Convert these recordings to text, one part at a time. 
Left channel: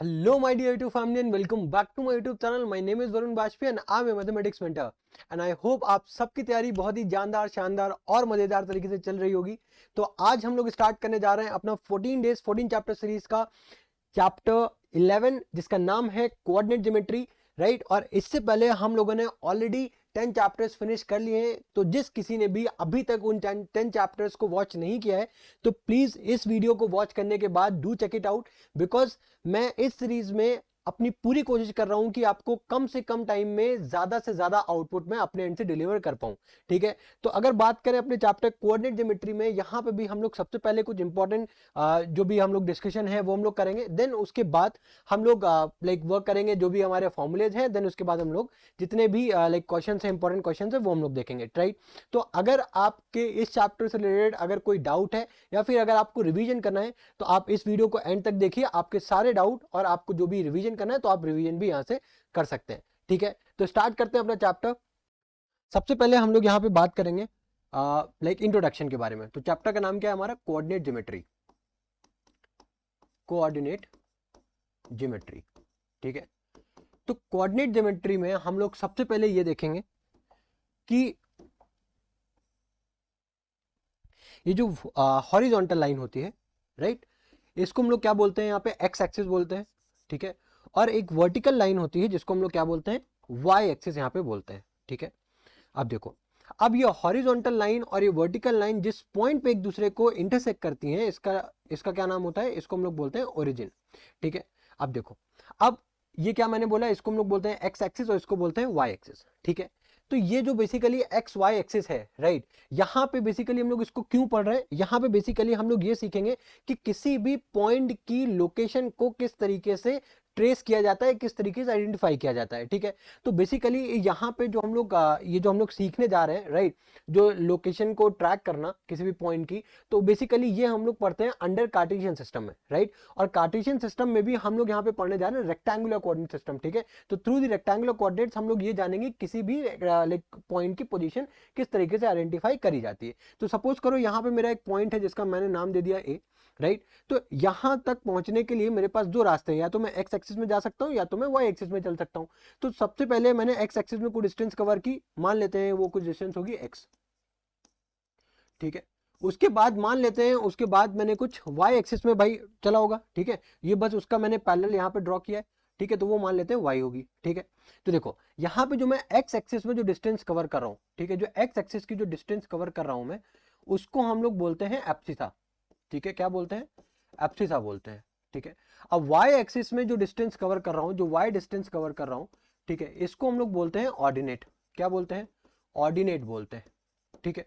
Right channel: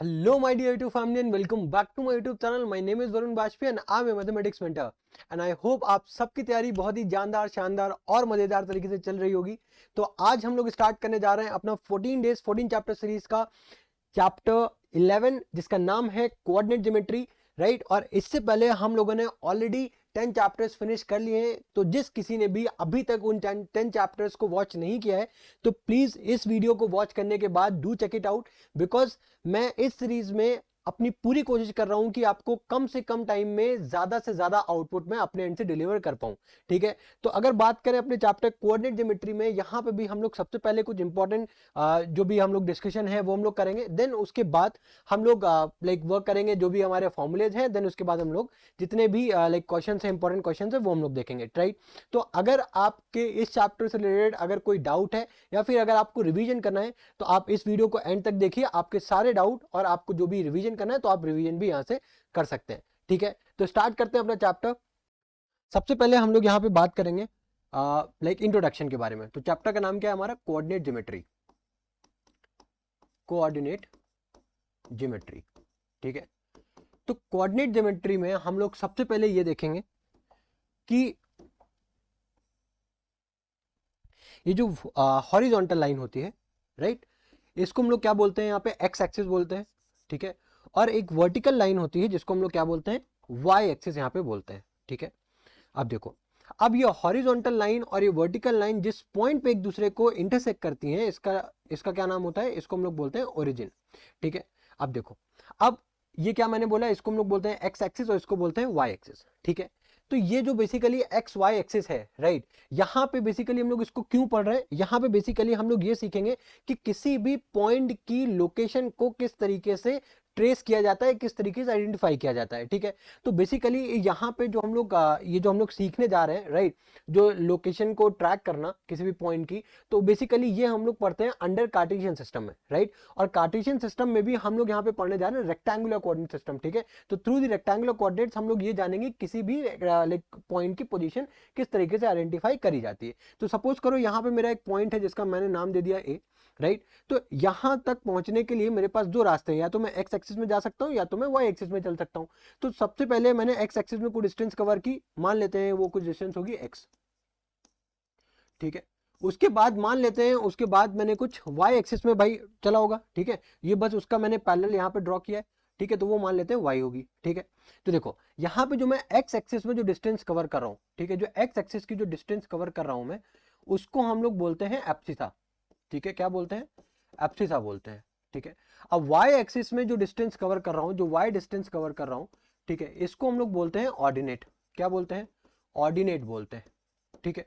Hello, my dear YouTube family, and welcome back to my YouTube channel. My name is Varun Bajpayee and I'm a mathematics mentor. And I hope आप सबकी तैयारी बहुत ही जानदार, शानदार और मजेदार तरीके से चल रही होगी। तो आज हम लोग स्टार्ट करने जा रहे हैं अपना 14 डेज 14 चैप्टर सीरीज का चैप्टर 11, जिसका नाम है कोऑर्डिनेट ज्योमेट्री, राइट। और इससे पहले हम लोगों ने ऑलरेडी 10 चैप्टर्स फिनिश कर लिए हैं। तो जिस किसी ने भी अभी तक उन 10 चैप्टर्स को वॉच नहीं किया है, तो प्लीज इस वीडियो को वॉच करने के बाद do check it out, because मैं इस सीरीज में अपनी पूरी कोशिश कर रहा हूं कि आपको कम से कम टाइम में ज्यादा से ज्यादा आउटपुट में अपने एंड से डिलीवर कर पाऊं। ठीक है, तो अगर बात करें अपने चैप्टर कोऑर्डिनेट ज्योमेट्री में, यहाँ पे भी हम लोग सबसे पहले कुछ इंपॉर्टेंट जो भी हम लोग डिस्कशन है वो हम लोग करेंगे। देन उसके बाद हम लोग लाइक वर्क करेंगे जो भी हमारे फॉर्मूलेज हैं। देन उसके बाद हम लोग जितने भी लाइक क्वेश्चन है, इंपॉर्टेंट क्वेश्चन है, वो हम लोग देखेंगे, राइट। तो अगर आपके इस चैप्टर से रिलेटेड अगर कोई डाउट है या फिर अगर आपको रिवीजन करना है, तो आप इस वीडियो को एंड तक देखिए। आपके सारे डाउट और आपको जो भी रिवीजन करना है, तो आप रिवीजन भी यहाँ से कर सकते हैं। ठीक है, तो स्टार्ट करते हैं अपना चैप्टर। सबसे पहले हम लोग यहाँ पे बात करेंगे लाइक इंट्रोडक्शन के बारे में। तो चैप्टर का नाम क्या है हमारा? Coordinate geometry. कोऑर्डिनेट ज्योमेट्री, ठीक है। तो कोऑर्डिनेट ज्योमेट्री में हम लोग सबसे पहले ये देखेंगे कि ये जो हॉरिजॉन्टल लाइन होती है, राइट, इसको हम लोग क्या बोलते हैं? यहाँ पे एक्स एक्सिस बोलते हैं, ठीक है। और एक वर्टिकल लाइन होती है जिसको हम लोग क्या बोलते हैं? वाई एक्सिस यहाँ पे बोलते हैं, ठीक है। अब देखो, अब ये हॉरिजॉन्टल लाइन और ये वर्टिकल लाइन जिस पॉइंट पे एक दूसरे को इंटरसेक्ट करती हैं, इसका इसका क्या नाम होता है? इसको हम लोग बोलते हैं ओरिजिन, ठीक है। अब देखो, अब ये क्या मैंने बोला, इसको हम लोग बोलते हैं एक्स एक्सिस और इसको बोलते हैं वाई एक्सिस, ठीक है। तो ये जो बेसिकली एक्स वाई एक्सिस है, राइट, यहाँ पे बेसिकली हम लोग इसको क्यों पढ़ रहे हैं? यहाँ पे बेसिकली हम लोग ये सीखेंगे कि किसी भी पॉइंट की लोकेशन को किस तरीके से ट्रेस किया जाता है, किस तरीके से आइडेंटिफाई किया जाता है, ठीक है। तो बेसिकली यहाँ पे जो हम लोग ये जो हम लोग सीखने जा रहे हैं, राइट, जो लोकेशन को ट्रैक करना किसी भी पॉइंट की, तो बेसिकली ये हम लोग पढ़ते हैं अंडर कार्टेशियन सिस्टम में, राइट। और कार्टेशियन सिस्टम में भी हम लोग यहाँ पे पढ़ने जा रहे हैं रेक्टेंगुलर कोऑर्डिनेट सिस्टम, ठीक है। तो थ्रू द रेक्टेंगुलर कोऑर्डिनेट्स हम लोग ये जानेंगे किसी भी लाइक पॉइंट की पोजीशन किस तरीके से आइडेंटिफाई करी जाती है। तो सपोज करो यहाँ पे मेरा एक पॉइंट है जिसका मैंने नाम दे दिया ए, राइट। तो यहां तक पहुंचने के लिए मेरे पास दो रास्ते हैं, या तो मैं एक्स एक्सिस में जा सकता हूं या तो मैं वाई एक्सिस में चल सकता हूं। तो सबसे पहले मैंने एक्स एक्सिस में कुछ डिस्टेंस कवर की, मान लेते हैं वो कुछ डिस्टेंस होगी एक्स, ठीक है। उसके बाद मान लेते हैं उसके बाद मैंने कुछ वाई एक्सिस में भाई चला होगा, ठीक है। ये बस उसका मैंने पैरेलल यहाँ पे ड्रॉ किया है, ठीक है। तो वो मान लेते हैं वाई होगी, ठीक है। तो देखो यहाँ पे जो मैं एक्स एक्सिस में जो डिस्टेंस कवर कर रहा हूँ, ठीक है, जो एक्स एक्सिस की जो डिस्टेंस कवर कर रहा हूँ मैं, उसको हम लोग बोलते हैं एब्सिसा, ठीक है। क्या बोलते हैं? एब्सिसा बोलते हैं, ठीक है। अब वाई एक्सिस में जो डिस्टेंस कवर कर रहा हूँ, जो वाई डिस्टेंस कवर कर रहा हूँ, ठीक है, इसको हम लोग बोलते हैं ऑर्डिनेट। क्या बोलते हैं? ऑर्डिनेट बोलते हैं, ठीक है।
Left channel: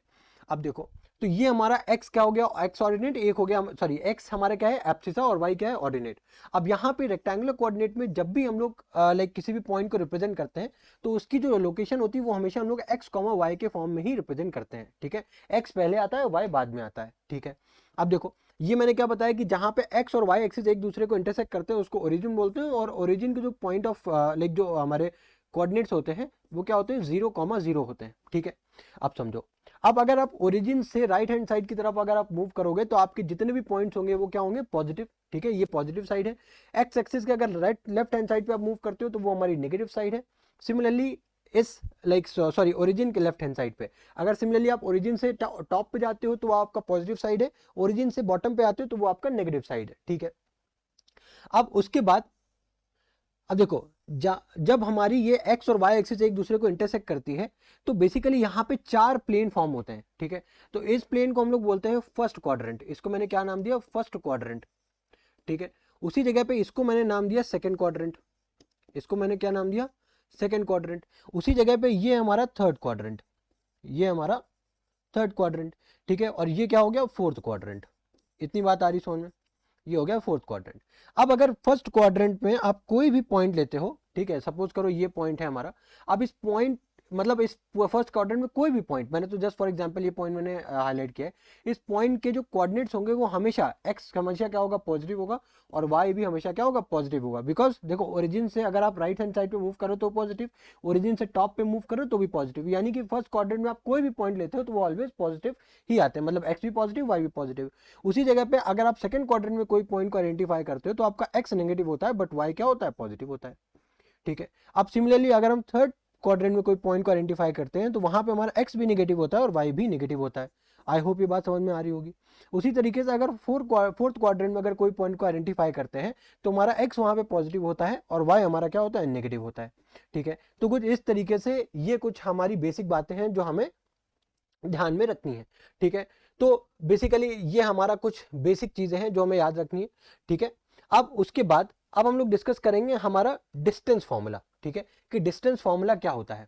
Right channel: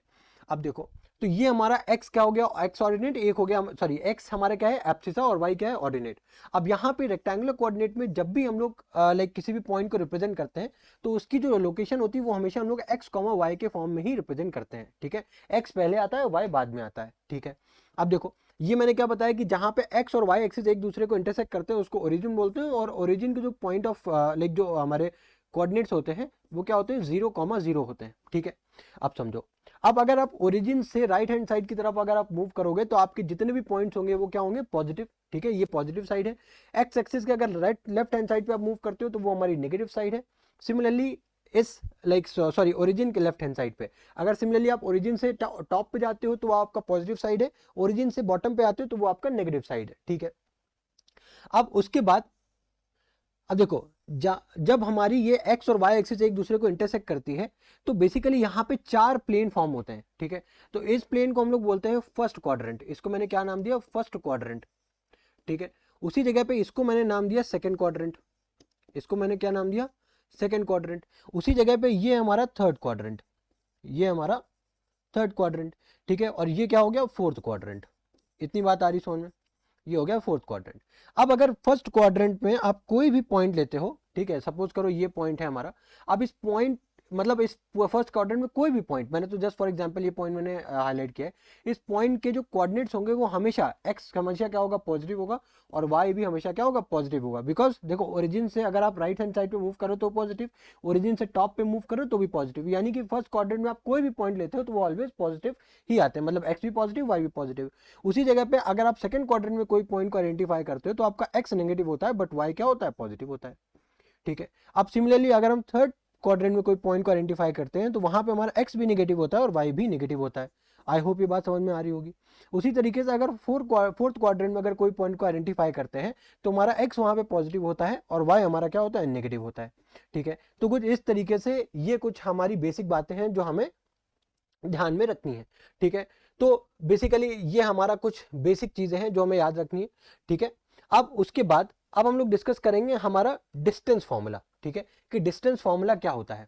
अब देखो, तो ये हमारा x क्या हो गया? x ऑर्डिनेट एक हो गया, सॉरी x हमारा क्या है? एब्सिसा, और y क्या है? ऑर्डिनेट। अब यहाँ पे रेक्टेंगुलर कोऑर्डिनेट में जब भी हम लोग लाइक किसी भी पॉइंट को रिप्रेजेंट करते हैं, तो उसकी जो लोकेशन होती है वो हमेशा हम लोग x, y के फॉर्म में ही रिप्रेजेंट करते हैं, ठीक है। x पहले आता है, y बाद में आता है, ठीक है। अब देखो, ये मैंने क्या बताया कि जहाँ पे x और y एक्सिस एक दूसरे को इंटरसेक्ट करते हैं उसको ओरिजिन बोलते हैं। और ओरिजिन के जो पॉइंट ऑफ लाइक जो हमारे कोऑर्डिनेट्स होते हैं वो क्या होते हैं? 0,0 होते हैं, ठीक है। अब समझो, अब अगर आप ओरिजिन से राइट हैंड साइड की तरफ अगर आप मूव करोगे, तो आपके जितने भी पॉइंट्स होंगे वो क्या होंगे? पॉजिटिव, ठीक है। ये पॉजिटिव साइड है। एक्स एक्सिस के अगर राइट लेफ्ट हैंड साइड पे आप मूव करते हो तो वो हमारी नेगेटिव साइड है। सिमिलरली इस लाइक सॉरी ओरिजिन के लेफ्ट हैंड साइड पे अगर सिमिलरली आप ओरिजिन से टॉप पे जाते हो तो वो आपका पॉजिटिव साइड है, ओरिजिन से बॉटम पे आते हो तो वो आपका नेगेटिव साइड है, ठीक है। अब उसके बाद, अब देखो, जब हमारी ये एक्स और वाई एक्सिस एक दूसरे को इंटरसेक्ट करती है, तो बेसिकली यहाँ पे चार प्लेन फॉर्म होते हैं, ठीक है। तो इस प्लेन को हम लोग बोलते हैं फर्स्ट क्वाड्रेंट। इसको मैंने क्या नाम दिया? फर्स्ट क्वाड्रेंट, ठीक है। उसी जगह पे इसको मैंने नाम दिया सेकंड क्वाड्रेंट। इसको मैंने क्या नाम दिया? Second quadrant. उसी जगह पे ये हमारा थर्ड क्वाड्रेंट, ये हमारा थर्ड क्वाड्रेंट, ठीक है। और ये क्या हो गया? Fourth quadrant. इतनी बात आ रही समझ में? ये हो गया फोर्थ क्वाड्रेंट। अब अगर फर्स्ट क्वाड्रेंट में आप कोई भी पॉइंट लेते हो, ठीक है, सपोज करो ये पॉइंट है हमारा। अब इस पॉइंट मतलब इस फर्स्ट क्वाड्रेंट में कोई भी पॉइंट, मैंने तो जस्ट फॉर एग्जांपल ये पॉइंट मैंने हाईलाइट किया है। इस पॉइंट के जो कोऑर्डिनेट्स होंगे वो हमेशा एक्स हमेशा क्या होगा? पॉजिटिव होगा। और y भी हमेशा क्या होगा, पॉजिटिव होगा। बिकॉज देखो ओरिजिन से अगर आप राइट हैंड साइड पे मूव करो तो पॉजिटिव, ओरिजिन से टॉप पे मूव करो तो भी पॉजिटिव, यानी कि फर्स्ट क्वाड्रेंट में आप कोई भी पॉइंट लेते हो तो वो ऑलवेज पॉजिटिव ही आते हैं, मतलब x भी पॉजिटिव y भी पॉजिटिव। उसी जगह पे अगर आप सेकंड क्वाड्रेंट में कोई पॉइंट को आइडेंटिफाई करते हो तो आपका x नेगेटिव होता है बट y क्या होता है, पॉजिटिव होता है। ठीक है, अब सिमिलरली अगर हम थर्ड क्वाड्रेंट में कोई पॉइंट को आइडेंटिफाई करते हैं तो वहां पे हमारा x भी नेगेटिव होता है और y भी नेगेटिव होता है। आई होप ये बात समझ में आ रही होगी। उसी तरीके से अगर फोर्थ क्वाड्रेंट में अगर कोई पॉइंट को आइडेंटिफाई करते हैं तो हमारा x वहां पे पॉजिटिव होता है और y हमारा क्या होता है, नेगेटिव होता है। ठीक है, तो कुछ इस तरीके से ये कुछ हमारी बेसिक बातें हैं जो हमें ध्यान में रखनी है। ठीक है, तो बेसिकली ये हमारा कुछ बेसिक चीजें हैं जो हमें याद रखनी है। ठीक है, अब उसके बाद अब हम लोग डिस्कस करेंगे हमारा डिस्टेंस फॉर्मूला। ठीक है, कि डिस्टेंस फॉर्मूला क्या होता है।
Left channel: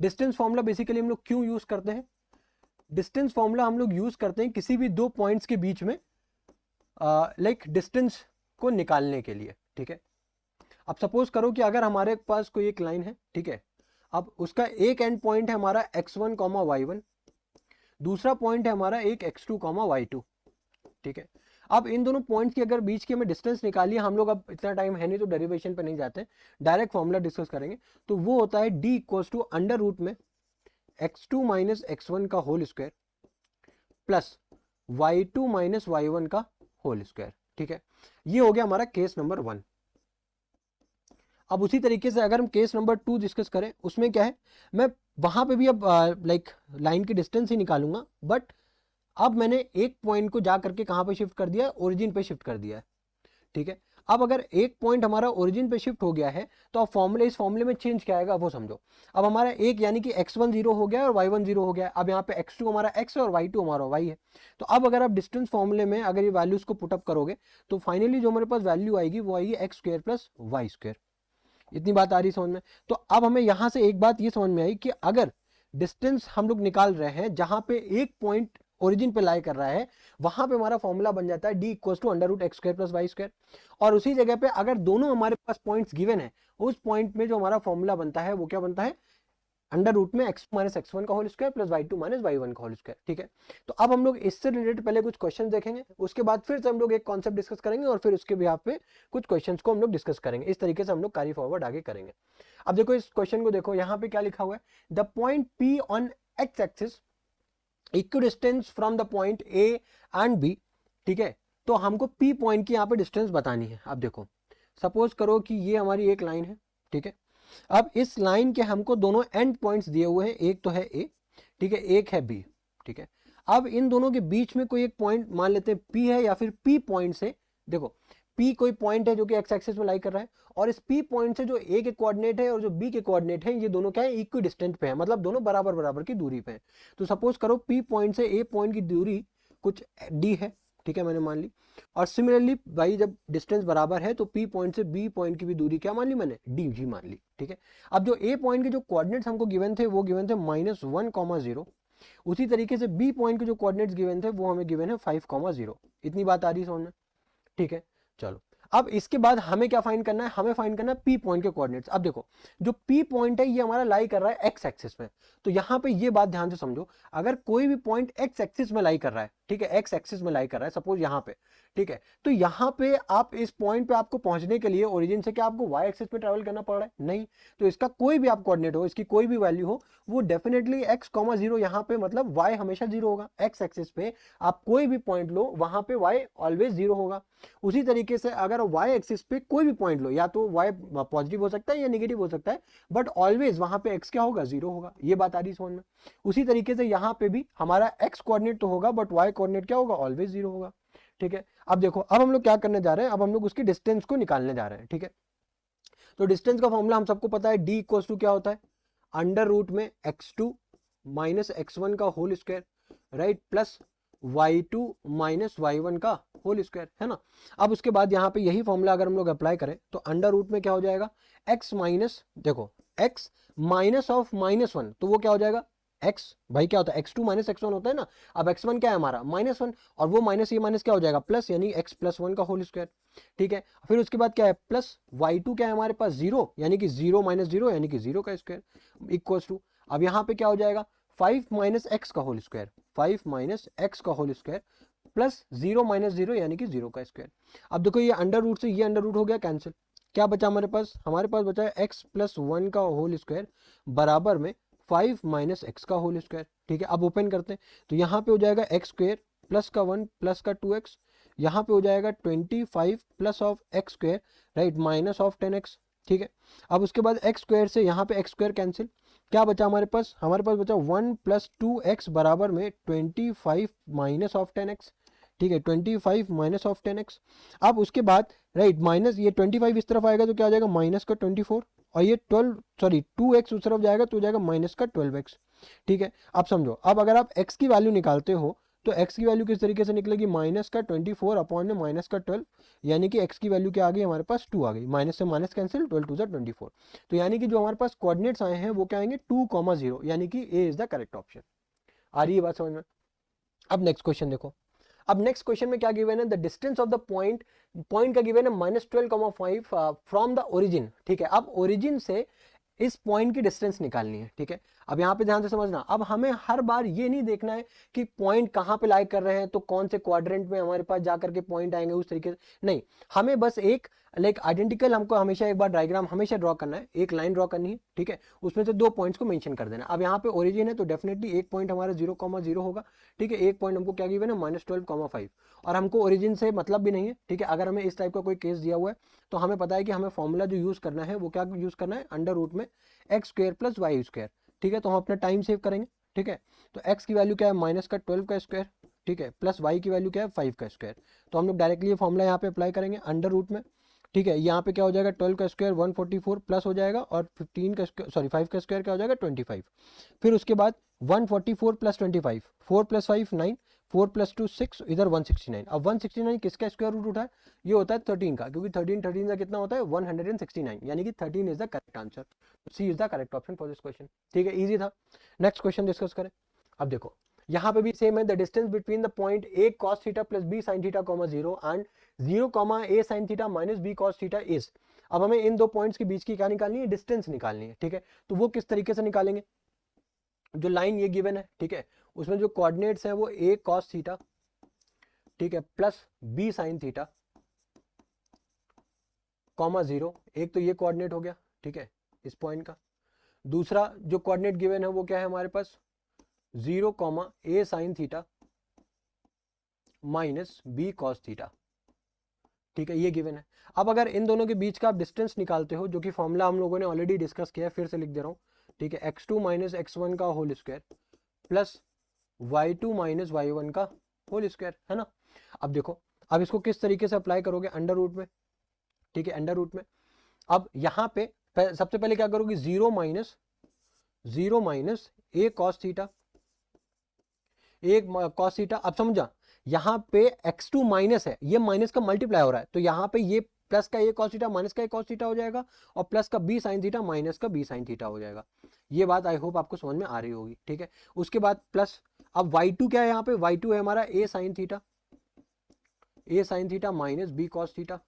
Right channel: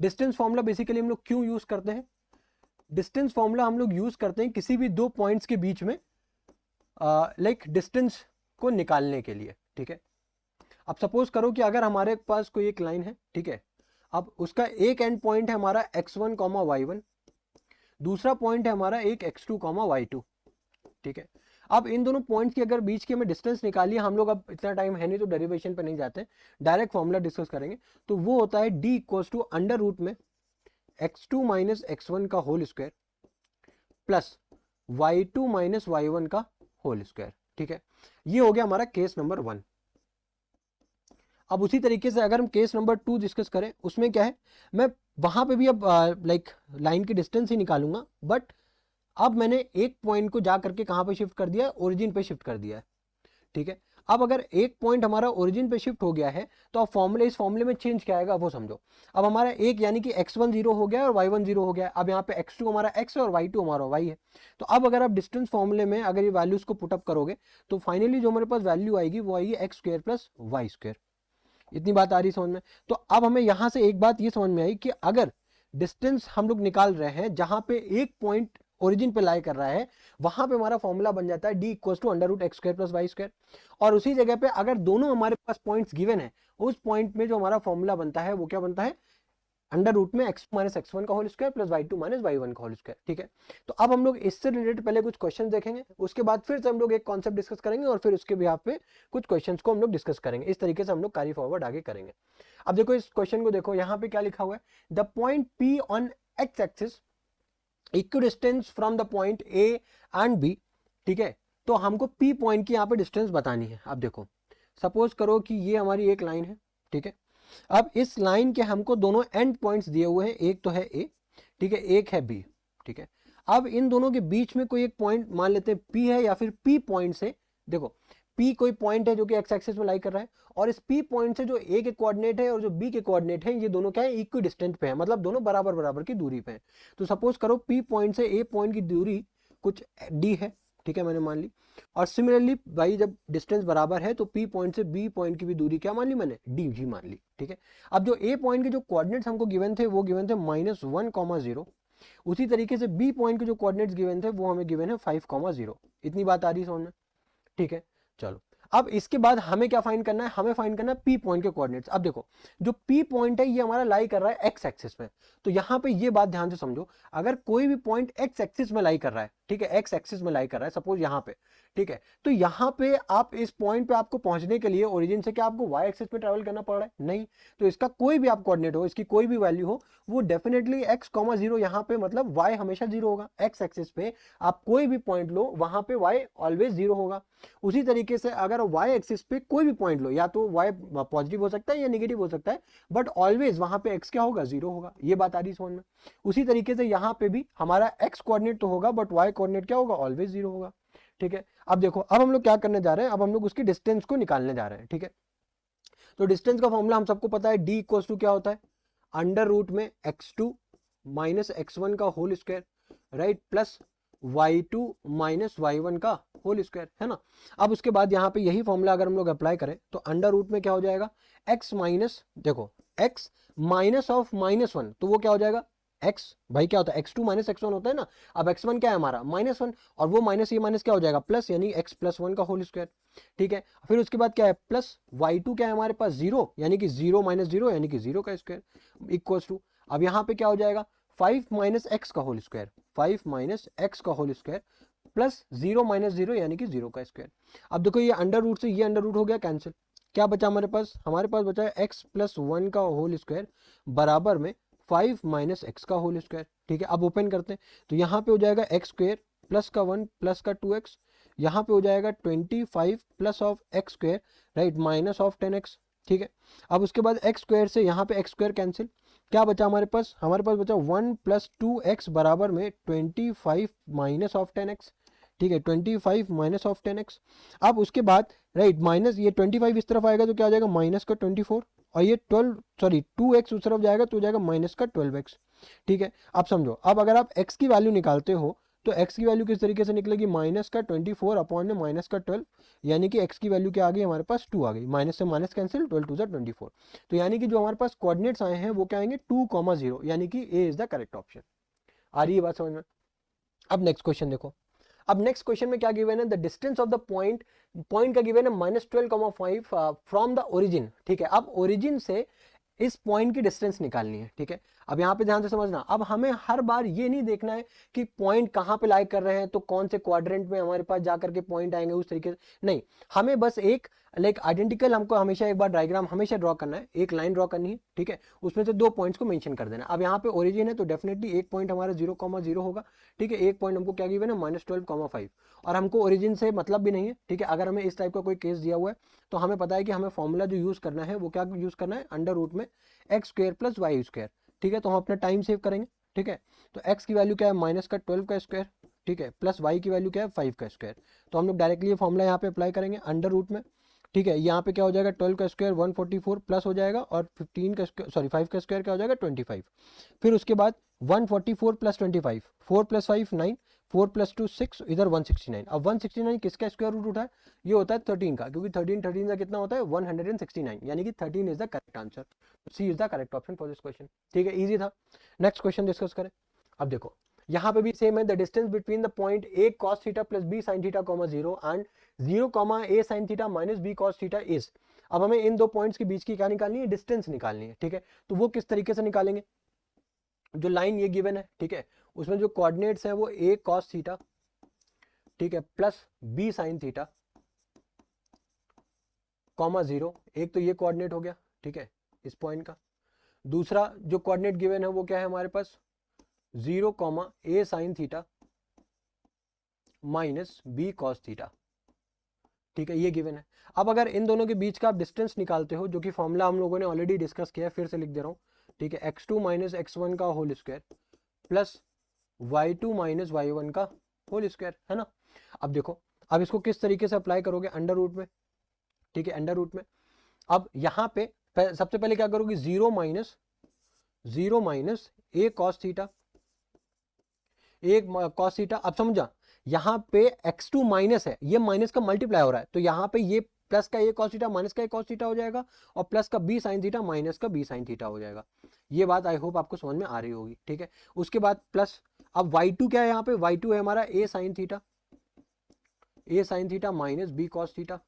डिस्टेंस फॉर्मूला बेसिकली हम लोग क्यों यूज करते हैं, डिस्टेंस फॉर्मूला हम लोग यूज करते हैं किसी भी दो पॉइंट्स के बीच में लाइक डिस्टेंस को निकालने के लिए। ठीक है, अब सपोज करो कि अगर हमारे पास कोई एक लाइन है, ठीक है, अब उसका एक एंड पॉइंट है हमारा x1 y1, दूसरा पॉइंट है हमारा एक x2 y2। ठीक है, अब इन दोनों पॉइंट्स की अगर बीच की हमें डिस्टेंस निकालिए, हम लोग अब इतना टाइम है नहीं तो डेरिवेशन पे नहीं जाते, डायरेक्ट फॉर्मूला डिस्कस करेंगे। तो वो होता है d equals to under root में x2 माइनस x1 का whole square plus y2 minus y1 का होल स्क्वायर। ठीक है, ये हो गया हमारा केस नंबर 1। अब उसी तरीके से अगर हम केस नंबर 2 डिस्कस करें, उसमें क्या है, मैं वहां पे भी अब लाइक लाइन की डिस्टेंस ही निकालूंगा, बट अब मैंने एक पॉइंट को जा करके कहां पे शिफ्ट कर दिया है, ओरिजिन पे शिफ्ट कर दिया है। ठीक है, अब अगर एक पॉइंट हमारा ओरिजिन पे शिफ्ट हो गया है तो अब फॉर्मूले, इस फॉर्मूले में चेंज क्या आएगा वो समझो। अब हमारा एक यानी कि x1 0 हो गया और y1 0 हो गया, अब यहाँ पे x2 हमारा x है और y2 हमारा y है। तो अब अगर आप डिस्टेंस फॉर्मूले में अगर ये वैल्यूज को पुटअप करोगे तो फाइनली जो हमारे पास वैल्यू आएगी वो आएगी x square plus y square. इतनी बात आ रही समझ में। तो अब हमें यहां से एक बात ये समझ में आई कि अगर डिस्टेंस हम लोग निकाल रहे हैं जहां पे एक पॉइंट ओरिजिन पे लाई कर रहा है, वहां पे हमारा फॉर्मूला बन जाता है d equal to under root x square plus y square. और उसी जगह पे अगर दोनों हमारे पास पॉइंट्स गिवन है, उस पॉइंट में जो हमारा फॉर्मूला बनता है वो क्या बनता है, अंडर रूट में x माइनस x1 का whole square plus y2 minus y1 का होल स्क्वायर। ठीक है, तो अब हम लोग इससे रिलेटेड पहले कुछ क्वेश्चन देखेंगे, उसके बाद फिर से हम लोग एक कॉन्सेप्ट डिस्कस करेंगे और फिर उसके बिहाफ पे कुछ क्वेश्चंस को हम लोग डिस्कस करेंगे। इस तरीके से हम लोग कैरी फॉरवर्ड आगे करेंगे। अब देखो इस क्वेश्चन को देखो, यहाँ पे क्या लिखा हुआ है, the point P on x axis equidistance from the point A and B। ठीक है, तो हमको P पॉइंट की यहाँ पे डिस्टेंस बतानी है। अब देखो सपोज करो कि ये हमारी एक लाइन है। ठीक है, अब इस लाइन के हमको दोनों एंड पॉइंट्स दिए हुए हैं, एक तो है A, ठीक है, एक है B। ठीक है, अब इन दोनों के बीच में कोई एक पॉइंट मान लेते हैं P है, या फिर P पॉइंट से देखो P कोई पॉइंट है जो कि x एक्सिस में लाई कर रहा है, और इस P पॉइंट से जो A के कोऑर्डिनेट है और जो B के कोऑर्डिनेट है, ये दोनों क्या है, इक्वी डिस्टेंट पे है, मतलब दोनों बराबर बराबर की दूरी पे है। तो सपोज करो P पॉइंट से A पॉइंट की दूरी कुछ D है। ठीक है, मैंने मान ली। और सिमिलरली भाई जब डिस्टेंस बराबर है तो P पॉइंट से B पॉइंट की भी दूरी क्या मान ली मैंने, DG मान ली। ठीक है, अब जो A पॉइंट के जो कोऑर्डिनेट्स हमको गिवन थे वो गिवन थे -1, 0। उसी तरीके से B पॉइंट के जो कोऑर्डिनेट्स गिवन थे वो हमें गिवन है 5, 0। इतनी बात आ रही समझ में। ठीक है, चलो अब इसके बाद हमें क्या फाइंड करना है, हमें फाइंड करना है P पॉइंट के कोऑर्डिनेट्स। अब देखो जो P पॉइंट है ये हमारा लाई कर रहा है x एक्सिस में, तो यहाँ पे ये बात ध्यान से समझो, अगर कोई भी पॉइंट x एक्सिस में लाई कर रहा है, ठीक है, x एक्सिस में लाई कर रहा है सपोज यहाँ पे, ठीक है, तो यहाँ पे आप इस पॉइंट पे आपको पहुंचने के लिए ओरिजिन से क्या आपको y एक्सिस पे ट्रेवल करना पड़ रहा है, नहीं। तो इसका कोई भी आप कोऑर्डिनेट हो, इसकी कोई भी वैल्यू हो, वो डेफिनेटली x, 0 यहाँ पे मतलब y हमेशा 0 होगा। x एक्सिस पे आप कोई भी पॉइंट लो वहां पे y ऑलवेज 0 होगा। उसी तरीके से अगर y एक्सिस पे कोई भी पॉइंट लो, या तो y पॉजिटिव हो सकता है या नेगेटिव हो सकता है, बट ऑलवेज वहां पे x क्या होगा, 0 होगा। ये बात आ रही समझ में। उसी तरीके से यहाँ पे भी हमारा x कोऑर्डिनेट तो होगा बट y कोऑर्डिनेट क्या होगा, ऑलवेज 0 होगा। ठीक है, अब देखो अब हम लोग क्या करने जा रहे हैं, अब हम लोग उसकी डिस्टेंस को निकालने जा रहे हैं। ठीक है, तो डिस्टेंस का फॉर्मूला हम सबको पता है, d इक्वल टू क्या होता है, अंडर रूट में x2 माइनस x1 का whole square, right, plus y2 minus y1 का होल स्क्वायर, है ना। अब उसके बाद यहाँ पे यही फॉर्मूला अगर हम लोग अप्लाई करें तो अंडर रूट में क्या हो जाएगा, x माइनस, देखो x माइनस ऑफ -1, तो वो क्या हो जाएगा, x भाई क्या होता है, x2 माइनस x1 होता है ना। अब x1 क्या है हमारा -1, और वो माइनस ये माइनस क्या हो जाएगा प्लस, यानी x प्लस 1 का होल स्क्वायर। ठीक है, फिर उसके बाद क्या है, प्लस y2 क्या है हमारे पास 0, यानी कि 0 माइनस 0 यानी कि 0 का स्क्वायर इक्वल टू, अब यहाँ पे क्या हो जाएगा 5 माइनस एक्स का होल स्क्वायर, 5 माइनस एक्स का होल स्क्वायर प्लस 0 माइनस 0 यानी कि 0 का स्क्वायर। अब देखो ये अंडर रूट से ये अंडर रूट हो गया कैंसिल, क्या बचा हमारे पास? हमारे पास बचा है x प्लस 1 का होल स्क्वायर बराबर में 5 माइनस एक्स का होल स्क्वायर। ठीक है, अब ओपन करते हैं तो यहाँ पे हो जाएगा एक्स स्क्वायर प्लस का 1 प्लस का 2x, यहाँ पे हो जाएगा 25 plus of x square right minus of 10x। ठीक है, अब उसके बाद एक्स स्क्वायर से यहाँ पे एक्स स्क्वायर कैंसिल, क्या बचा हमारे पास? हमारे पास बचा 1 प्लस 2x बराबर में 25 माइनस ऑफ 10x। ठीक है, 25 माइनस ऑफ 10x। अब उसके बाद राइट माइनस ये 25 इस तरफ आएगा तो क्या हो जाएगा? माइनस का 24, और ये 2x उस तरफ जाएगा तो हो जाएगा माइनस का 12x। ठीक है, अब समझो, अब अगर आप x की वैल्यू निकालते हो तो x की वैल्यू किस तरीके से निकलेगी? माइनस का 24 अपॉन में माइनस का 12, यानी कि x की वैल्यू क्या आ गई हमारे पास? 2 आ गई, माइनस से माइनस कैंसिल, 12 टू 24। तो यानी कि जो हमारे पास कोऑर्डिनेट्स आए हैं वो क्या आएंगे? 2,0, यानी कि A is the correct option. आ रही है बात समझ में? अब नेक्स्ट क्वेश्चन देखो, अब नेक्स्ट क्वेश्चन में क्या गिवन है? The distance of the point, point का गिवन है -12,5 फ्रॉम द ओरिजिन। ठीक है, अब ओरिजिन से इस पॉइंट की डिस्टेंस निकालनी है। ठीक है, अब यहाँ पे ध्यान से समझना, अब हमें हर बार ये नहीं देखना है कि पॉइंट कहाँ पे लाई कर रहे हैं तो कौन से क्वाड्रेंट में हमारे पास जाकर के पॉइंट आएंगे उस तरीके से नहीं, हमें बस एक लाइक आइडेंटिकल हमको हमेशा एक बार डायग्राम हमेशा ड्रॉ करना है, एक लाइन ड्रॉ करनी है। ठीक है, उसमें से 2 पॉइंट्स को मेंशन कर देना है। अब यहाँ पे ओरिजिन है तो डेफिनेटली एक पॉइंट हमारा 0,0 होगा। ठीक है, एक पॉइंट हमको क्या गिवन है? -12,5, और हमको ओरिजिन से मतलब भी नहीं है। ठीक है, अगर हमें इस टाइप का कोई केस दिया हुआ है तो हमें पता है कि हमें फॉर्मूला जो यूज करना है वो क्या यूज करना है? अंडर रूट में x square plus y square. ठीक है, तो हम अपना टाइम सेव करेंगे। ठीक है, तो x की वैल्यू क्या है? माइनस का 12 का स्क्वायर। ठीक है, प्लस y की वैल्यू क्या है? 5 का स्क्वायर। तो हम लोग डायरेक्टली ये फॉर्मूला यहाँ पे अप्लाई करेंगे अंडर रूट में। ठीक है, यहाँ पे क्या हो जाएगा? 12 का स्क्वायर 144 प्लस हो जाएगा, और 15 का स्क्वायर सॉरी 5 का स्क्वायर क्या हो जाएगा? 25। फिर उसके बाद 144 प्लस 25, 4 प्लस 5 9, 4 प्लस 2 6, इधर 169। अब 169 किसका स्क्वायर रूट उठा है? ये होता है 13 का, क्योंकि 13 का कितना होता है? 169, यानी कि 13 is the correct answer. C is the correct option for this question. ठीक है, इजी था। नेक्स्ट क्वेश्चन डिस्कस करें। अब देखो यहाँ पे भी सेम है, the distance between the point a cos theta plus b sin theta, 0 and 0, a sin theta minus b cos theta is. अब हमें इन 2 पॉइंट्स के बीच की क्या निकालनी है? डिस्टेंस निकालनी है। ठीक है, तो वो किस तरीके से निकालेंगे? जो लाइन ये गिवन है, ठीक है, उसमें जो कोऑर्डिनेट्स है वो a cos थीटा, ठीक है, प्लस b sin थीटा, 0, एक तो ये कोऑर्डिनेट हो गया। ठीक है, इस पॉइंट का। दूसरा जो कोऑर्डिनेट गिवन है वो क्या है हमारे पास? 0, a sin theta minus b cos theta. ठीक है, ये गिवन है। अब अगर इन दोनों के बीच का डिस्टेंस निकालते हो, जो कि फॉर्मूला हम लोगों ने ऑलरेडी डिस्कस किया है, फिर से लिख दे रहा हूँ। ठीक है, x2 माइनस x1 का whole square plus y2 minus y1 का होल स्क्वायर, है ना? अब देखो, अब इसको किस तरीके से अप्लाई करोगे? अंडर रूट में। ठीक है, अंडर रूट में। अब यहाँ पे सबसे पहले क्या करोगे? 0 माइनस a cos थीटा, एक cos थीटा। अब समझो, यहाँ पे x2 माइनस है, ये माइनस का मल्टीप्लाई हो रहा है, तो यहाँ पे ये प्लस का a cos थीटा माइनस का a cos थीटा हो जाएगा, और प्लस का b sin थीटा माइनस का b sin थीटा हो जाएगा। ये बात आई होप आपको समझ में आ रही होगी। ठीक है, उसके बाद प्लस, अब y2 क्या है? यहाँ पे y2 है हमारा a sin theta minus b cos theta.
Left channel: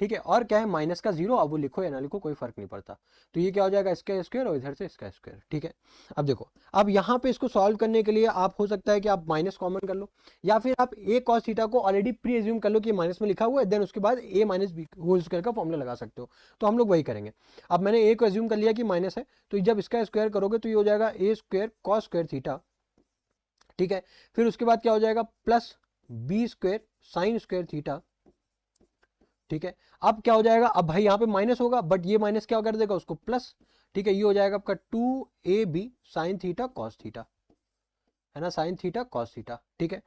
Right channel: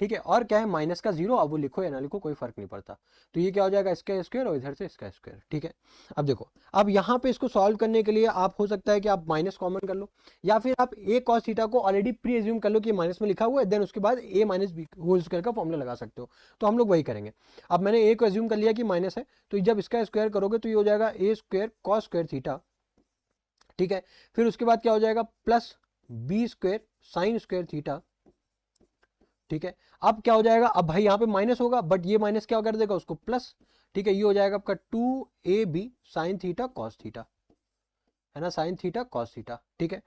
ठीक है, और क्या है? माइनस का 0, अब वो लिखो या ना लिखो कोई फर्क नहीं पड़ता। तो ये क्या हो जाएगा? इसका स्क्वायर, और इधर से इसका स्क्वायर। ठीक है, अब देखो, अब यहाँ पे इसको सॉल्व करने के लिए आप हो सकता है कि आप माइनस कॉमन कर लो, या फिर आप a cos थीटा को ऑलरेडी प्री एज्यूम कर लो कि माइनस में लिखा हुआ है, देन उसके बाद a minus b whole square का फॉर्मूला लगा सकते हो। तो हम लोग वही करेंगे। अब मैंने a को एज्यूम कर लिया कि माइनस है, तो जब इसका स्क्वायर करोगे तो ये हो जाएगा a square cos square theta. ठीक है, फिर उसके बाद क्या हो जाएगा? Plus b square sin square theta. ठीक है, अब क्या हो जाएगा? अब भाई यहाँ पे माइनस होगा, बट ये माइनस क्या कर देगा? उसको प्लस। ठीक है, ये हो जाएगा आपका 2ab sin theta cos theta, है ना? sin theta cos theta. ठीक है,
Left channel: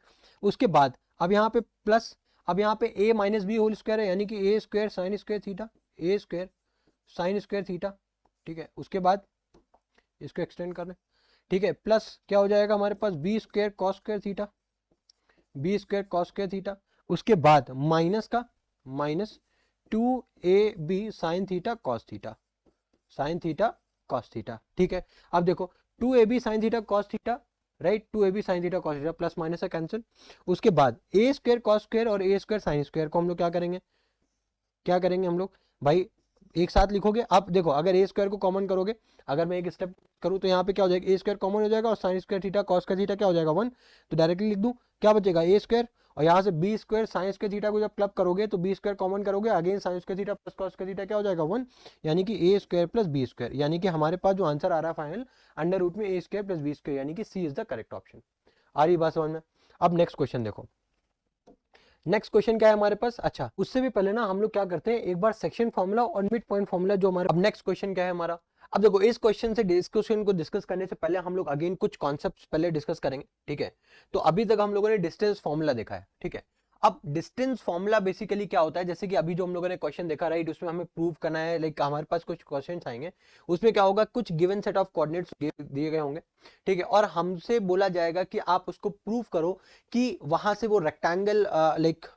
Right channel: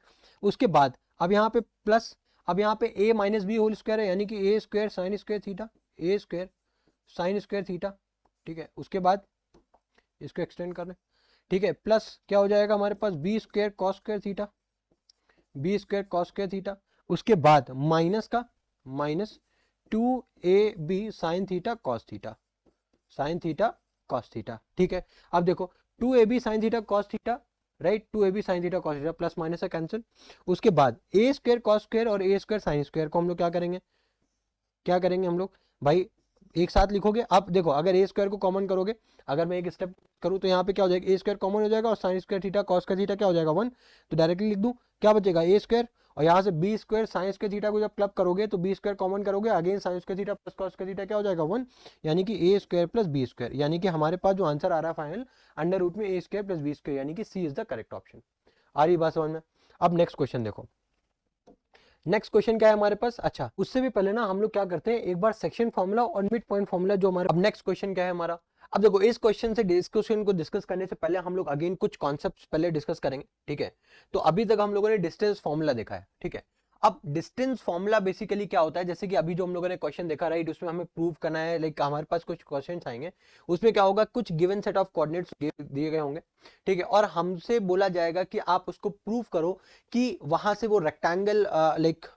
उसके बाद अब यहाँ पे प्लस, अब यहाँ पे a minus b whole square है, यानी कि a square sin square theta, a square sin square theta. ठीक है, उसके बाद इसको एक्सटेंड कर लो। ठीक है, प्लस क्या हो जाएगा हमारे पास? b square cos square theta, b square cos square theta. उसके बाद माइनस का minus 2ab sin theta cos theta, sin theta cos theta. ठीक है, अब देखो 2ab sin theta cos theta, right, 2ab sin theta cos theta, plus minus है cancel. उसके बाद a स्क्वायर cos स्क्वायर और a स्क्वायर sin स्क्वायर को हम लोग क्या करेंगे? क्या करेंगे हम लोग भाई? एक साथ लिखोगे। अब देखो अगर ए स्क्वायर को कॉमन करोगे, अगर मैं एक स्टेप करूँ तो यहाँ पे क्या हो जाएगा, ए स्क्वायर कॉमन हो जाएगा और साइन स्क्वायर थीटा कॉस का थीटा क्या हो जाएगा 1, तो डायरेक्टली लिख दूँ, क्या बचेगा ए स्क्वायर, और यहाँ से b square sine square theta को जब क्लब करोगे तो बी स्क्वायर कॉमन करोगे, again sine square theta plus cos का थीटा क्या हो जाएगा 1, यानी कि a square plus b square, यानी कि हमारे पास जो आंसर आ रहा है फाइनल अंडर रूट में ए स्क्वायर प्लस बी स्क्वायर, यानी कि सी इज द करेक्ट ऑप्शन। आ रही बात समझ में? अब नेक्स्ट क्वेश्चन देखो, नेक्स्ट क्वेश्चन क्या है हमारे पास। अच्छा उससे भी पहले ना हम लोग क्या करते हैं, एक बार सेक्शन फॉर्मूला और मिड पॉइंट फॉर्मूला जो हमारा, अब नेक्स्ट क्वेश्चन क्या है हमारा। अब देखो इस क्वेश्चन से डिस्कशन को डिस्कस करने से पहले हम लोग अगेन कुछ कॉन्सेप्ट्स पहले डिस्कस करेंगे, ठीक है। तो अभी तक हम लोगों ने डिस्टेंस फॉर्मूला देखा है, ठीक है। अब डिस्टेंस फॉर्मूला बेसिकली क्या होता है, जैसे कि अभी जो हम लोगों ने क्वेश्चन देखा, राइट, उसमें हमें प्रूव करना है, लाइक हमारे पास कुछ क्वेश्चंस आएंगे, उसमें क्या होगा, कुछ गिवन सेट ऑफ कोऑर्डिनेट्स दिए गए होंगे, ठीक है, और हमसे बोला जाएगा कि आप उसको प्रूव करो कि वहां से वो रेक्टेंगल, लाइक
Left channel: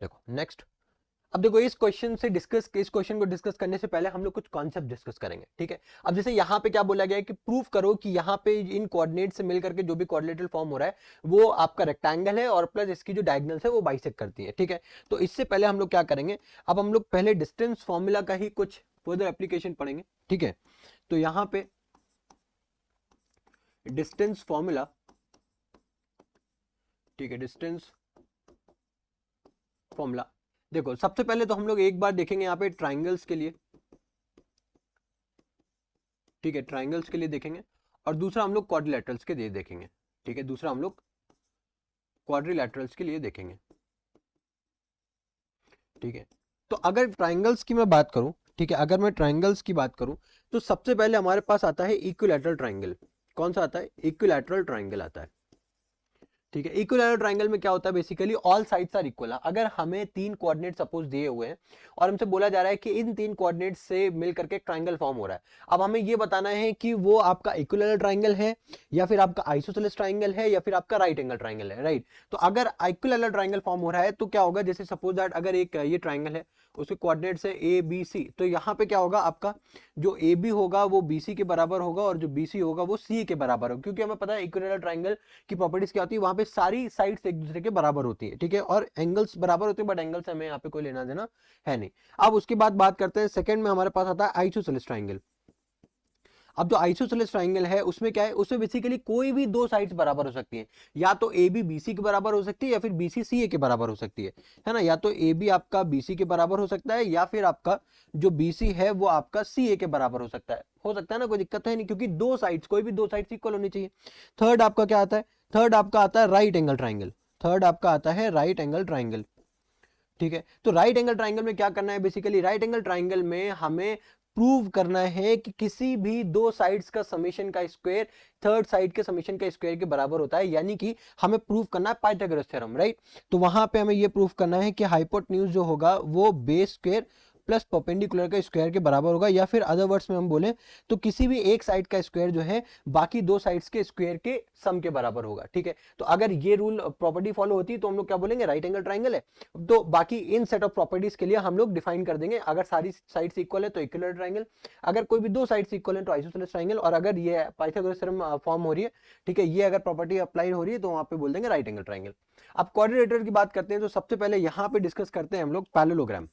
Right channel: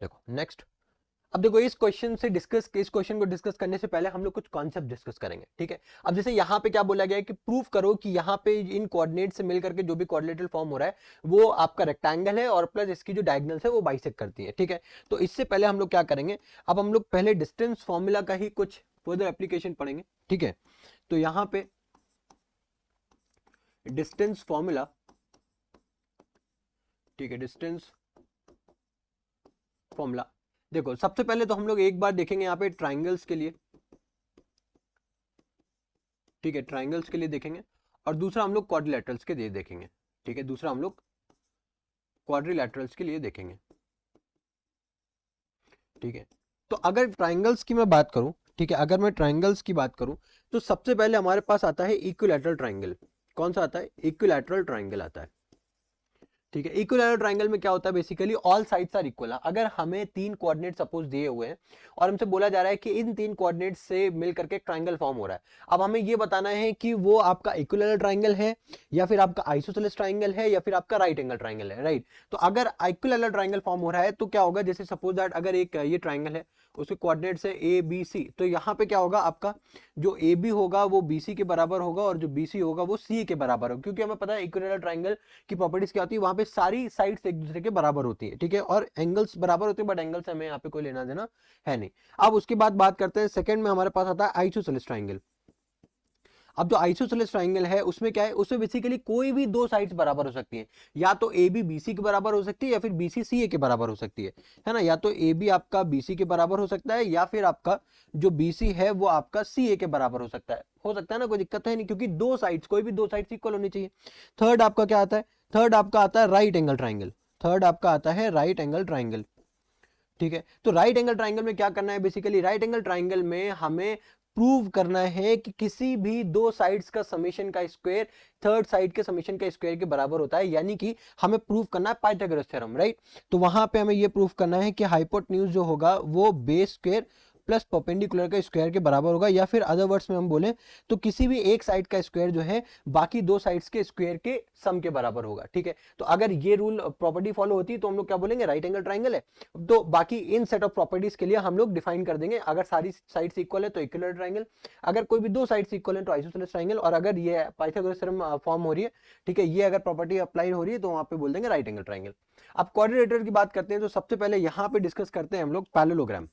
देखो नेक्स्ट, अब देखो इस क्वेश्चन से डिस्कस, इस क्वेश्चन को डिस्कस करने से पहले हम लोग कुछ कॉन्सेप्ट डिस्कस करेंगे, ठीक है। अब जैसे यहाँ पे क्या बोला गया है कि प्रूफ करो कि यहाँ पे इन कोऑर्डिनेट से मिलकर के जो भी कोऑर्डिनेटल फॉर्म हो रहा है वो आपका रेक्टेंगल है और प्लस इसकी जो डायगोनल्स है वो बाइसेक्ट करती है, ठीक है। तो इससे पहले हम लोग क्या करेंगे, अब हम लोग पहले डिस्टेंस फॉर्मूला का ही कुछ फर्दर एप्लीकेशन पढ़ेंगे, ठीक है। तो यहाँ पे डिस्टेंस फॉर्मूला, ठीक है, डिस्टेंस फॉर्मूला, देखो सबसे पहले तो हम लोग एक बार देखेंगे यहाँ पे ट्राइंगल्स के लिए, ठीक है, ट्राइंगल्स के लिए देखेंगे, और दूसरा हम लोग क्वाड्रिलेटरल्स के लिए देखेंगे, ठीक है, दूसरा हम लोग क्वाड्रिलेटरल्स के लिए देखेंगे, ठीक है। तो अगर ट्राइंगल्स की मैं बात करूं, ठीक है, अगर मैं ट्राइंगल्स की बात करूं तो सबसे पहले हमारे पास आता है इक्विलैटरल ट्राइंगल। कौन सा आता है, इक्विलैटरल ट्राइंगल आता है, ठीक है। इक्विलैटरल ट्राइंगल में क्या होता है, basically all sides are equal. अगर हमें तीन कोऑर्डिनेट सपोज दिए हुए हैं और हमसे बोला जा रहा है कि इन तीन कोऑर्डिनेट से मिलकर के ट्राइंगल फॉर्म हो रहा है, अब हमें ये बताना है कि वो आपका इक्विलैटरल ट्राइंगल है या फिर आपका आइसोसेलेस ट्राइंगल है या फिर आपका राइट एंगल ट्राइंगल है, राइट। तो अगर इक्विलैटरल ट्राइंगल फॉर्म हो रहा है तो क्या होगा, जैसे सपोज दैट अगर एक ये ट्राइंगल है, उसके कोऑर्डिनेट्स है ए बी सी, तो यहाँ पे क्या होगा, आपका जो ए बी होगा वो बी सी के बराबर होगा और जो बी सी होगा वो सी के बराबर होगा, क्योंकि हमें पता है इक्विलैटरल ट्राइंगल की प्रॉपर्टीज क्या होती है, वहां पे सारी साइड्स एक दूसरे के बराबर होती है, ठीक है, और एंगल्स बराबर होते हैं, बट एंगल से हमें यहाँ पे कोई लेना देना है नहीं। अब उसके बाद बात करते हैं सेकंड में, हमारे पास आता है आइसोसेलेस ट्राइंगल। अब जो आइसोसेलेस ट्राइंगल है उसमें क्या है, उसमें बेसिकली कोई भी दो साइड्स बराबर हो सकती है, या तो ए बी बी सी के बराबर हो सकती है या फिर बी सी सी ए के बराबर हो सकती है ना, या तो ए बी आपका बी सी के बराबर हो सकता है या फिर आपका जो बी सी है वो आपका सी ए के बराबर हो सकता है ना, कोई दिक्कत तो है नहीं, क्योंकि दो साइड्स, कोई भी दो साइड्स इक्वल होनी चाहिए। थर्ड आपका क्या आता है, थर्ड आपका आता है राइट एंगल ट्राइंगल, थर्ड आपका आता है राइट एंगल ट्राइंगल, ठीक है। तो राइट एंगल ट्राइंगल में क्या करना है, बेसिकली राइट एंगल ट्राइंगल में हमें प्रूव करना है कि किसी भी दो साइड्स का समीशन का स्क्वायर थर्ड साइड के समीशन का स्क्वायर के बराबर होता है, यानी कि हमें प्रूव करना है पाइथागोरस थ्योरम, राइट। तो वहां पे हमें ये प्रूव करना है कि हाइपोटेन्यूज जो होगा वो बेस स्क्वायर प्लस परपेंडिकुलर का स्क्वायर के बराबर होगा, या फिर अदर वर्ड्स में हम बोले तो किसी भी एक साइड का स्क्वायर जो है बाकी दो साइड्स के स्क्वायर के सम के बराबर होगा, ठीक है। तो अगर ये रूल प्रॉपर्टी फॉलो होती है तो हम लोग क्या बोलेंगे, राइट एंगल ट्राइंगल है। तो बाकी इन सेट ऑफ प्रॉपर्टीज के लिए हम लोग डिफाइन कर देंगे, अगर सारी साइड्स इक्वल है तो इक्विलैटरल ट्राइंगल, अगर कोई भी दो साइड्स इक्वल है तो आइसोसेलेस ट्राइंगल, और अगर ये पाइथागोरस थ्योरम फॉर्म हो रही है, ठीक है, ये अगर प्रॉपर्टी अप्लाई हो रही है तो वहां पे बोल देंगे राइट एंगल ट्राइंगल। अब क्वाड्रिलेटरल की बात करते हैं तो सबसे पहले यहाँ पे डिस्कस करते हैं हम लोग पैरेललोग्राम।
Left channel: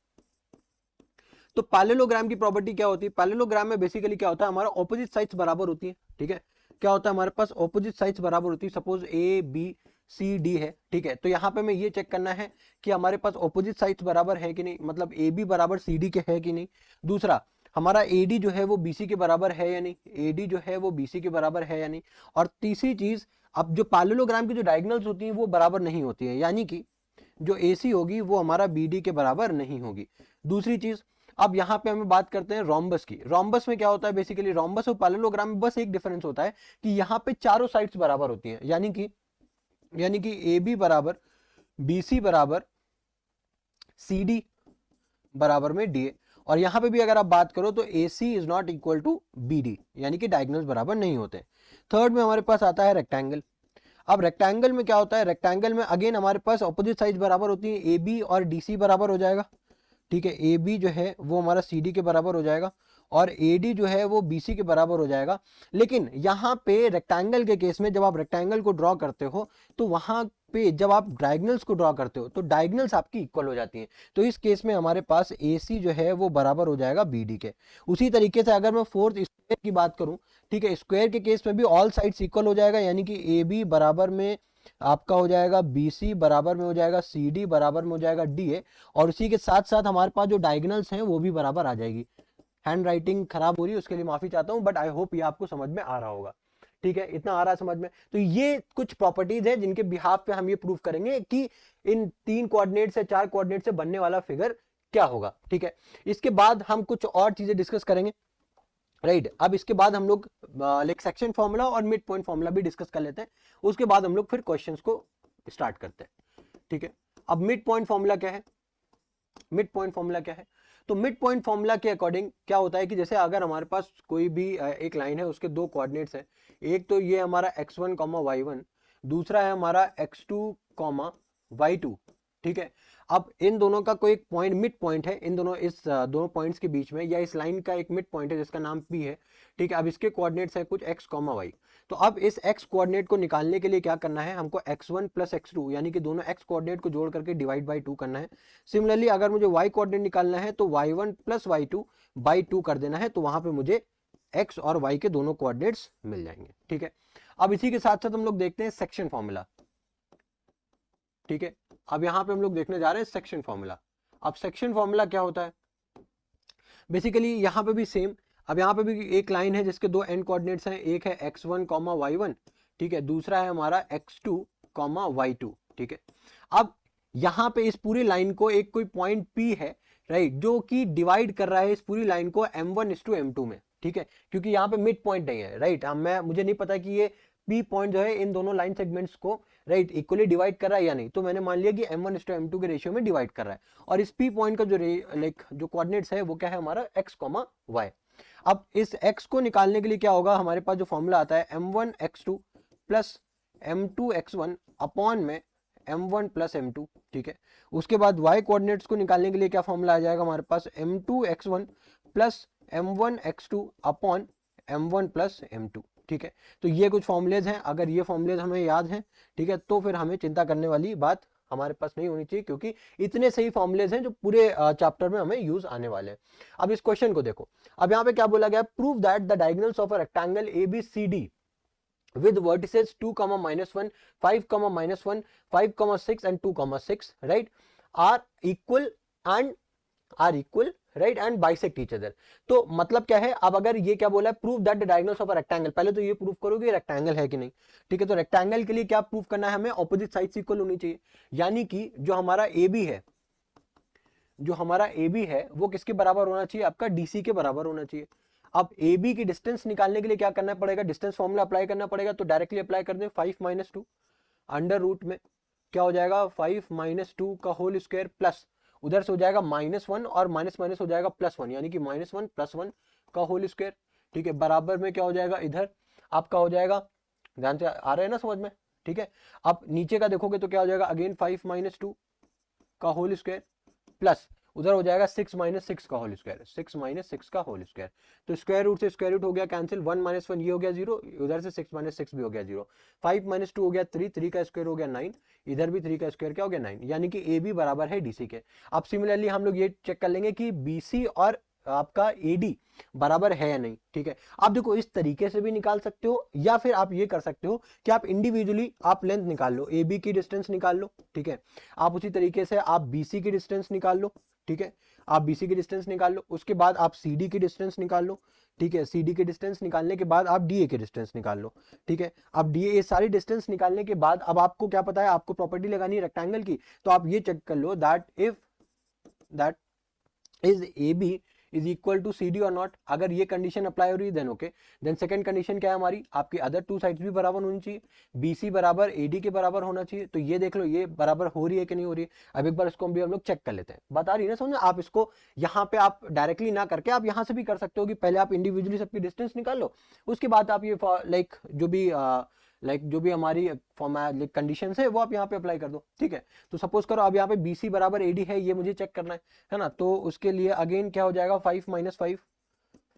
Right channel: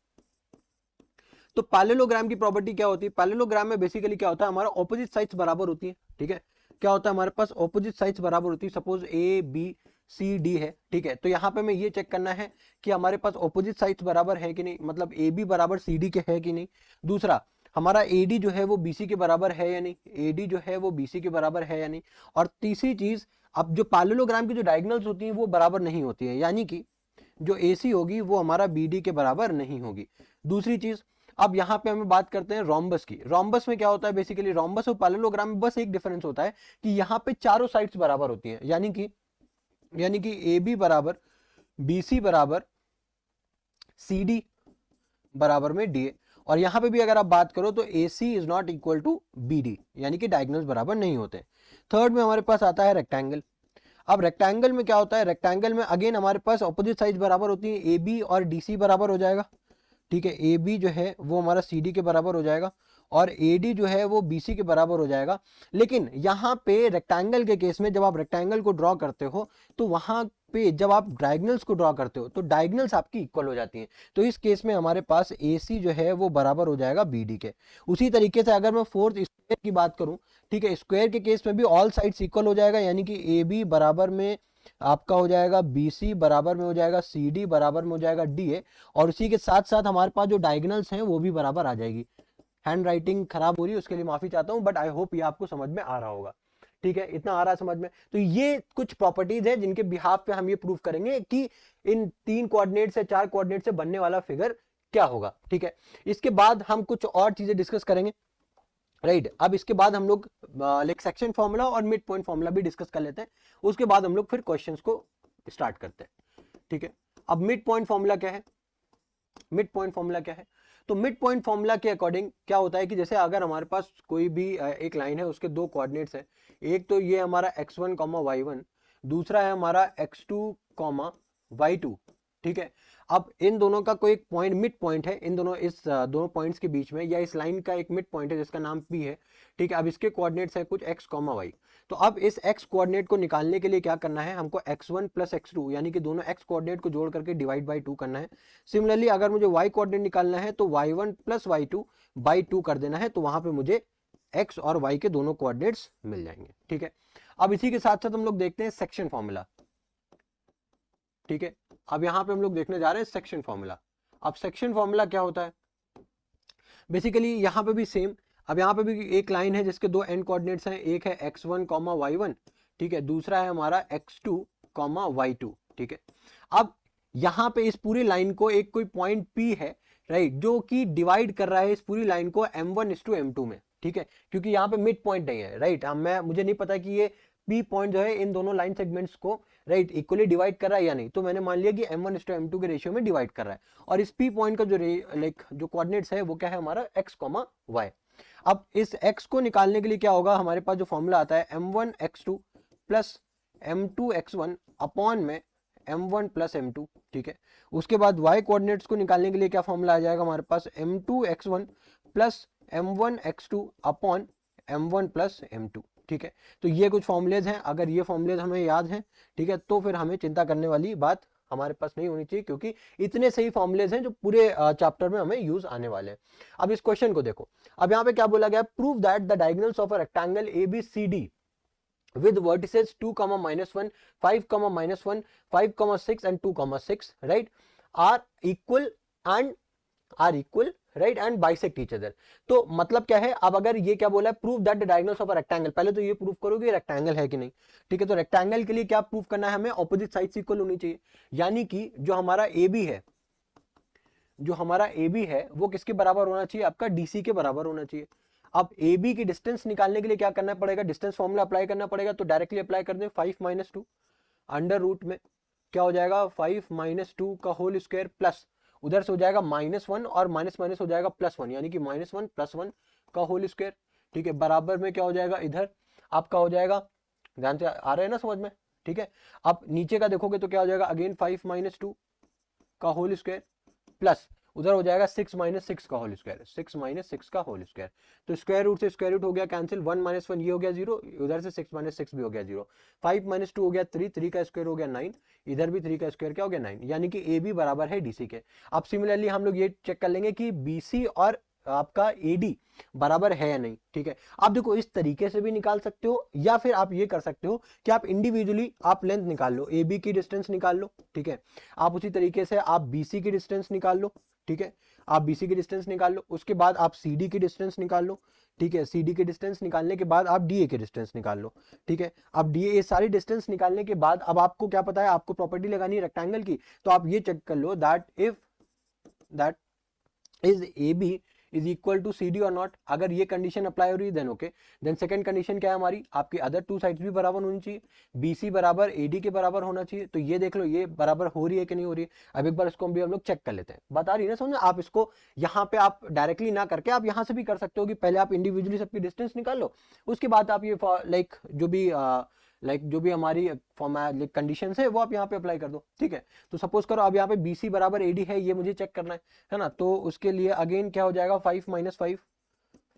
तो पैरेललोग्राम की प्रॉपर्टी क्या होती है, पैरेललोग्राम में बेसिकली क्या होता है, हमारा ऑपोजिट साइड्स बराबर होती है, ठीक है। क्या होता है, हमारे पास ऑपोजिट साइड्स बराबर होती है, suppose A B C D है, ठीक है। तो यहाँ पे हमें ये चेक करना है कि हमारे पास ऑपोजिट साइड्स बराबर है कि नहीं, मतलब ए बी बराबर सी डी के है कि नहीं। दूसरा, हमारा ए डी जो है वो बी सी के बराबर है या नहीं, ए डी जो है वो बी सी के बराबर है या नहीं। और तीसरी चीज, अब जो पैरेललोग्राम की जो डायगोनल्स होती है वो बराबर नहीं होती है, यानी कि जो ए सी होगी वो हमारा बी डी के बराबर नहीं होगी। दूसरी चीज, अब यहाँ पे हमें बात करते हैं रोम्बस की। रोम्बस में क्या होता है, बेसिकली रोम्बस और पैरेललोग्राम में बस एक डिफरेंस होता है कि यहाँ पे चारों साइड्स बराबर होती हैं, यानी कि ए बी बराबर बी सी बराबर सी डी बराबर में डी ए। और यहाँ पे भी अगर आप बात करो तो A C is not equal to B D, यानी कि डायगोनल्स बराबर नहीं होते। थर्ड में हमारे पास आता है रेक्टेंगल। अब रेक्टेंगल में क्या होता है, रेक्टेंगल में अगेन हमारे पास ऑपोजिट साइड बराबर होती है, ए बी और डी सी बराबर हो जाएगा, ठीक है। ए बी जो है वो हमारा सी डी के बराबर हो जाएगा, और AD जो है वो BC के बराबर हो जाएगा। लेकिन यहाँ पे रेक्टेंगल के केस में जब आप रेक्टेंगल को ड्रॉ करते हो तो वहां पे जब आप डायगोनल्स को ड्रॉ करते हो तो डायगोनल्स आपकी इक्वल हो जाती हैं। तो इस केस में हमारे पास AC जो है वो बराबर हो जाएगा BD के। उसी तरीके से अगर मैं फोर्थ स्क्वायर की बात करूं, ठीक है, स्क्वायर के केस में भी ऑल साइड्स इक्वल हो जाएगा, यानी कि AB बराबर में आपका हो जाएगा BC, बराबर में हो जाएगा CD, बराबर में हो जाएगा DA, और उसी के साथ साथ हमारे पास जो डायगोनल्स हैं वो भी बराबर आ जाएगी। हैंड राइटिंग खराब हो रही है उसके लिए माफी चाहता हूं, बट आई होप ये आपको समझ में आ रहा होगा। ठीक है, इतना आ रहा है समझ में। तो ये कुछ प्रॉपर्टीज है जिनके बिहाफ पे हम ये प्रूव करेंगे कि इन 3 कोऑर्डिनेट से 4 कोऑर्डिनेट से बनने वाला फिगर क्या होगा। ठीक है, इसके बाद हम कुछ और चीजें डिस्कस करेंगे। राइट, अब इसके बाद हम लोग लाइक सेक्शन फॉर्मूला और मिड पॉइंट फॉर्मूला भी डिस्कस कर लेते हैं। उसके बाद हम लोग फिर क्वेश्चंस को स्टार्ट करते हैं। ठीक है, अब मिड पॉइंट फॉर्मूला क्या है? मिड पॉइंट फॉर्मूला क्या है? तो मिड पॉइंट फॉर्मूला के अकॉर्डिंग क्या होता है कि जैसे अगर हमारे पास कोई भी एक लाइन है, उसके दो कोऑर्डिनेट्स है, एक तो ये हमारा x1 y1, दूसरा है हमारा x2 y2। ठीक है, अब इन दोनों का कोई पॉइंट मिड पॉइंट है, इन दोनों इस दोनों पॉइंट्स के बीच में, या इस लाइन का एक मिड पॉइंट है जिसका नाम P है। ठीक है, अब इसके कोऑर्डिनेट्स हैं कुछ x y। तो अब इस x कोऑर्डिनेट को निकालने के लिए क्या करना है, हमको x1 प्लस x2 यानी कि दोनों x कोऑर्डिनेट को जोड़ करके डिवाइड बाई 2 करना है। सिमिलरली अगर मुझे y कोऑर्डिनेट निकालना है तो y1 प्लस y2 बाई 2 कर देना है, तो वहां पे मुझे x और y के दोनों कोऑर्डिनेट्स मिल जाएंगे। ठीक है, अब इसी के साथ साथ हम लोग देखते हैं सेक्शन फॉर्मूला। ठीक है, अब यहाँ पे हम लोग देखने जा रहे हैं सेक्शन फॉर्मूला। अब सेक्शन फॉर्मूला क्या होता है? बेसिकली यहाँ पे भी सेम। अब यहाँ पे भी एक लाइन है जिसके दो एंड कोऑर्डिनेट्स हैं, एक है x1 y1, ठीक है, दूसरा है हमारा x2 y2। ठीक है, अब यहाँ पे इस पूरी लाइन को एक कोई पॉइंट P है, राइट, जो कि डिवाइड कर रहा है इस पूरी लाइन को ठीक है, क्योंकि यहाँ पे मिड पॉइंट है, राइट, हम मैं मुझे नहीं पता कि ये P पॉइंट है इन दोनों लाइन सेगमेंट्स को राइट इक्वली डिवाइड कर रहा है या नहीं, तो मैंने मान लिया कि m1:m2 के रेशियो में डिवाइड कर रहा है। और इस P पॉइंट का जो कोऑर्डिनेट्स है वो क्या है हमारा x y। अब इस x को निकालने के लिए क्या होगा, हमारे पास जो फॉर्मूला आता है m1x2 प्लस m2x1 अपॉन में m1 प्लस m2। ठीक है, उसके बाद y कोऑर्डिनेट्स को निकालने के लिए क्या फॉर्मूला आ जाएगा हमारे पास m2x1 plus m1x2 upon m1 plus m2। ठीक है, तो ये कुछ फॉर्मूलेज हैं, अगर ये फॉर्मूलेज हमें याद हैं, ठीक है, तो फिर हमें चिंता करने वाली बात हमारे पास नहीं होनी चाहिए, क्योंकि इतने सही फॉर्मूलेज हैं जो पूरे चैप्टर में हमें यूज आने वाले हैं। अब इस क्वेश्चन को देखो, अब यहाँ पे क्या बोला गया, prove that the diagonals of a rectangle ABCD with vertices 2, -1, 5, -1, 5, 6 and 2, 6, right, are equal and right and bisect each other. तो मतलब क्या है, अब अगर ये क्या बोला है, prove that the diagonals of a rectangle, पहले तो ये प्रूव करोगे रेक्टेंगल है कि नहीं। ठीक है, तो रेक्टेंगल के लिए क्या प्रूव करना है हमें, ऑपोजिट साइड्स इक्वल होनी चाहिए, यानी कि जो हमारा ए बी है वो किसके बराबर होना चाहिए, आपका DC के बराबर होना चाहिए। अब ए बी की डिस्टेंस निकालने के लिए क्या करना पड़ेगा, डिस्टेंस फॉर्मूला अप्लाई करना पड़ेगा, तो डायरेक्टली अप्लाई कर दें 5 - 2 अंडर रूट में क्या हो जाएगा 5 - 2 का होल स्क्वायर, प्लस उधर से हो जाएगा -1 और माइनस माइनस हो जाएगा +1, यानी कि -1 + 1 का होल स्क्वायर। ठीक है, बराबर में क्या हो जाएगा, इधर आपका हो जाएगा, ध्यान से आ रहा है ना समझ में। ठीक है, अब नीचे का देखोगे तो क्या हो जाएगा, अगेन 5 - 2 का होल स्क्वायर, प्लस उधर हो जाएगा 6 - 6 का होल स्क्वायर, 6 - 6 का होल स्क्वायर। तो स्क्वायर रूट से स्क्वायर रूट हो गया कैंसिल, 1 - 1 ये हो गया 0, उधर से 6 - 6 भी हो गया 0, 5 - 2 हो गया 3, 3 का स्क्वायर हो गया 9, इधर भी 3 का स्क्वायर क्या हो गया 9, यानी कि ए बी बराबर है DC के। अब सिमिलरली हम लोग ये चेक कर लेंगे कि BC और आपका AD बराबर है या नहीं। ठीक है, आप देखो इस तरीके से भी निकाल सकते हो, या फिर आप ये कर सकते हो कि आप इंडिविजुअली आप लेंथ निकाल लो, AB की डिस्टेंस निकाल लो। ठीक है, आप उसी तरीके से आप BC की डिस्टेंस निकाल लो। ठीक है, आप BC की डिस्टेंस निकाल लो, उसके बाद आप CD की डिस्टेंस निकाल लो। ठीक है, CD की डिस्टेंस निकालने के बाद आप DA की डिस्टेंस निकाल लो। ठीक है, अब DA ये सारी डिस्टेंस निकालने के बाद अब आपको क्या पता है, आपको प्रॉपर्टी लगानी है रेक्टेंगल की, तो आप ये चेक कर लो that if that is AB is equal to CD or not. अगर ये कंडीशन अप्लाई हो रही है then okay, then second condition क्या है हमारी, आपकी अदर टू साइड्स भी बराबर होनी चाहिए, BC बराबर AD के बराबर होना चाहिए। तो ये देख लो ये बराबर हो रही है कि नहीं हो रही है। अब एक बार इसको भी हम लोग चेक कर लेते हैं, बता रही है ना समझ। आप इसको यहाँ पे आप डायरेक्टली ना करके आप यहाँ से भी कर सकते हो कि पहले आप इंडिविजुअली सबकी डिस्टेंस निकाल लो, उसके बाद आप ये जो भी हमारी कंडीशन है वो आप यहाँ पे अप्लाई कर दो। ठीक है, तो सपोज करो अब यहाँ पे BC बराबर AD है, ये मुझे चेक करना है ना, तो उसके लिए अगेन क्या हो जाएगा 5 - 5,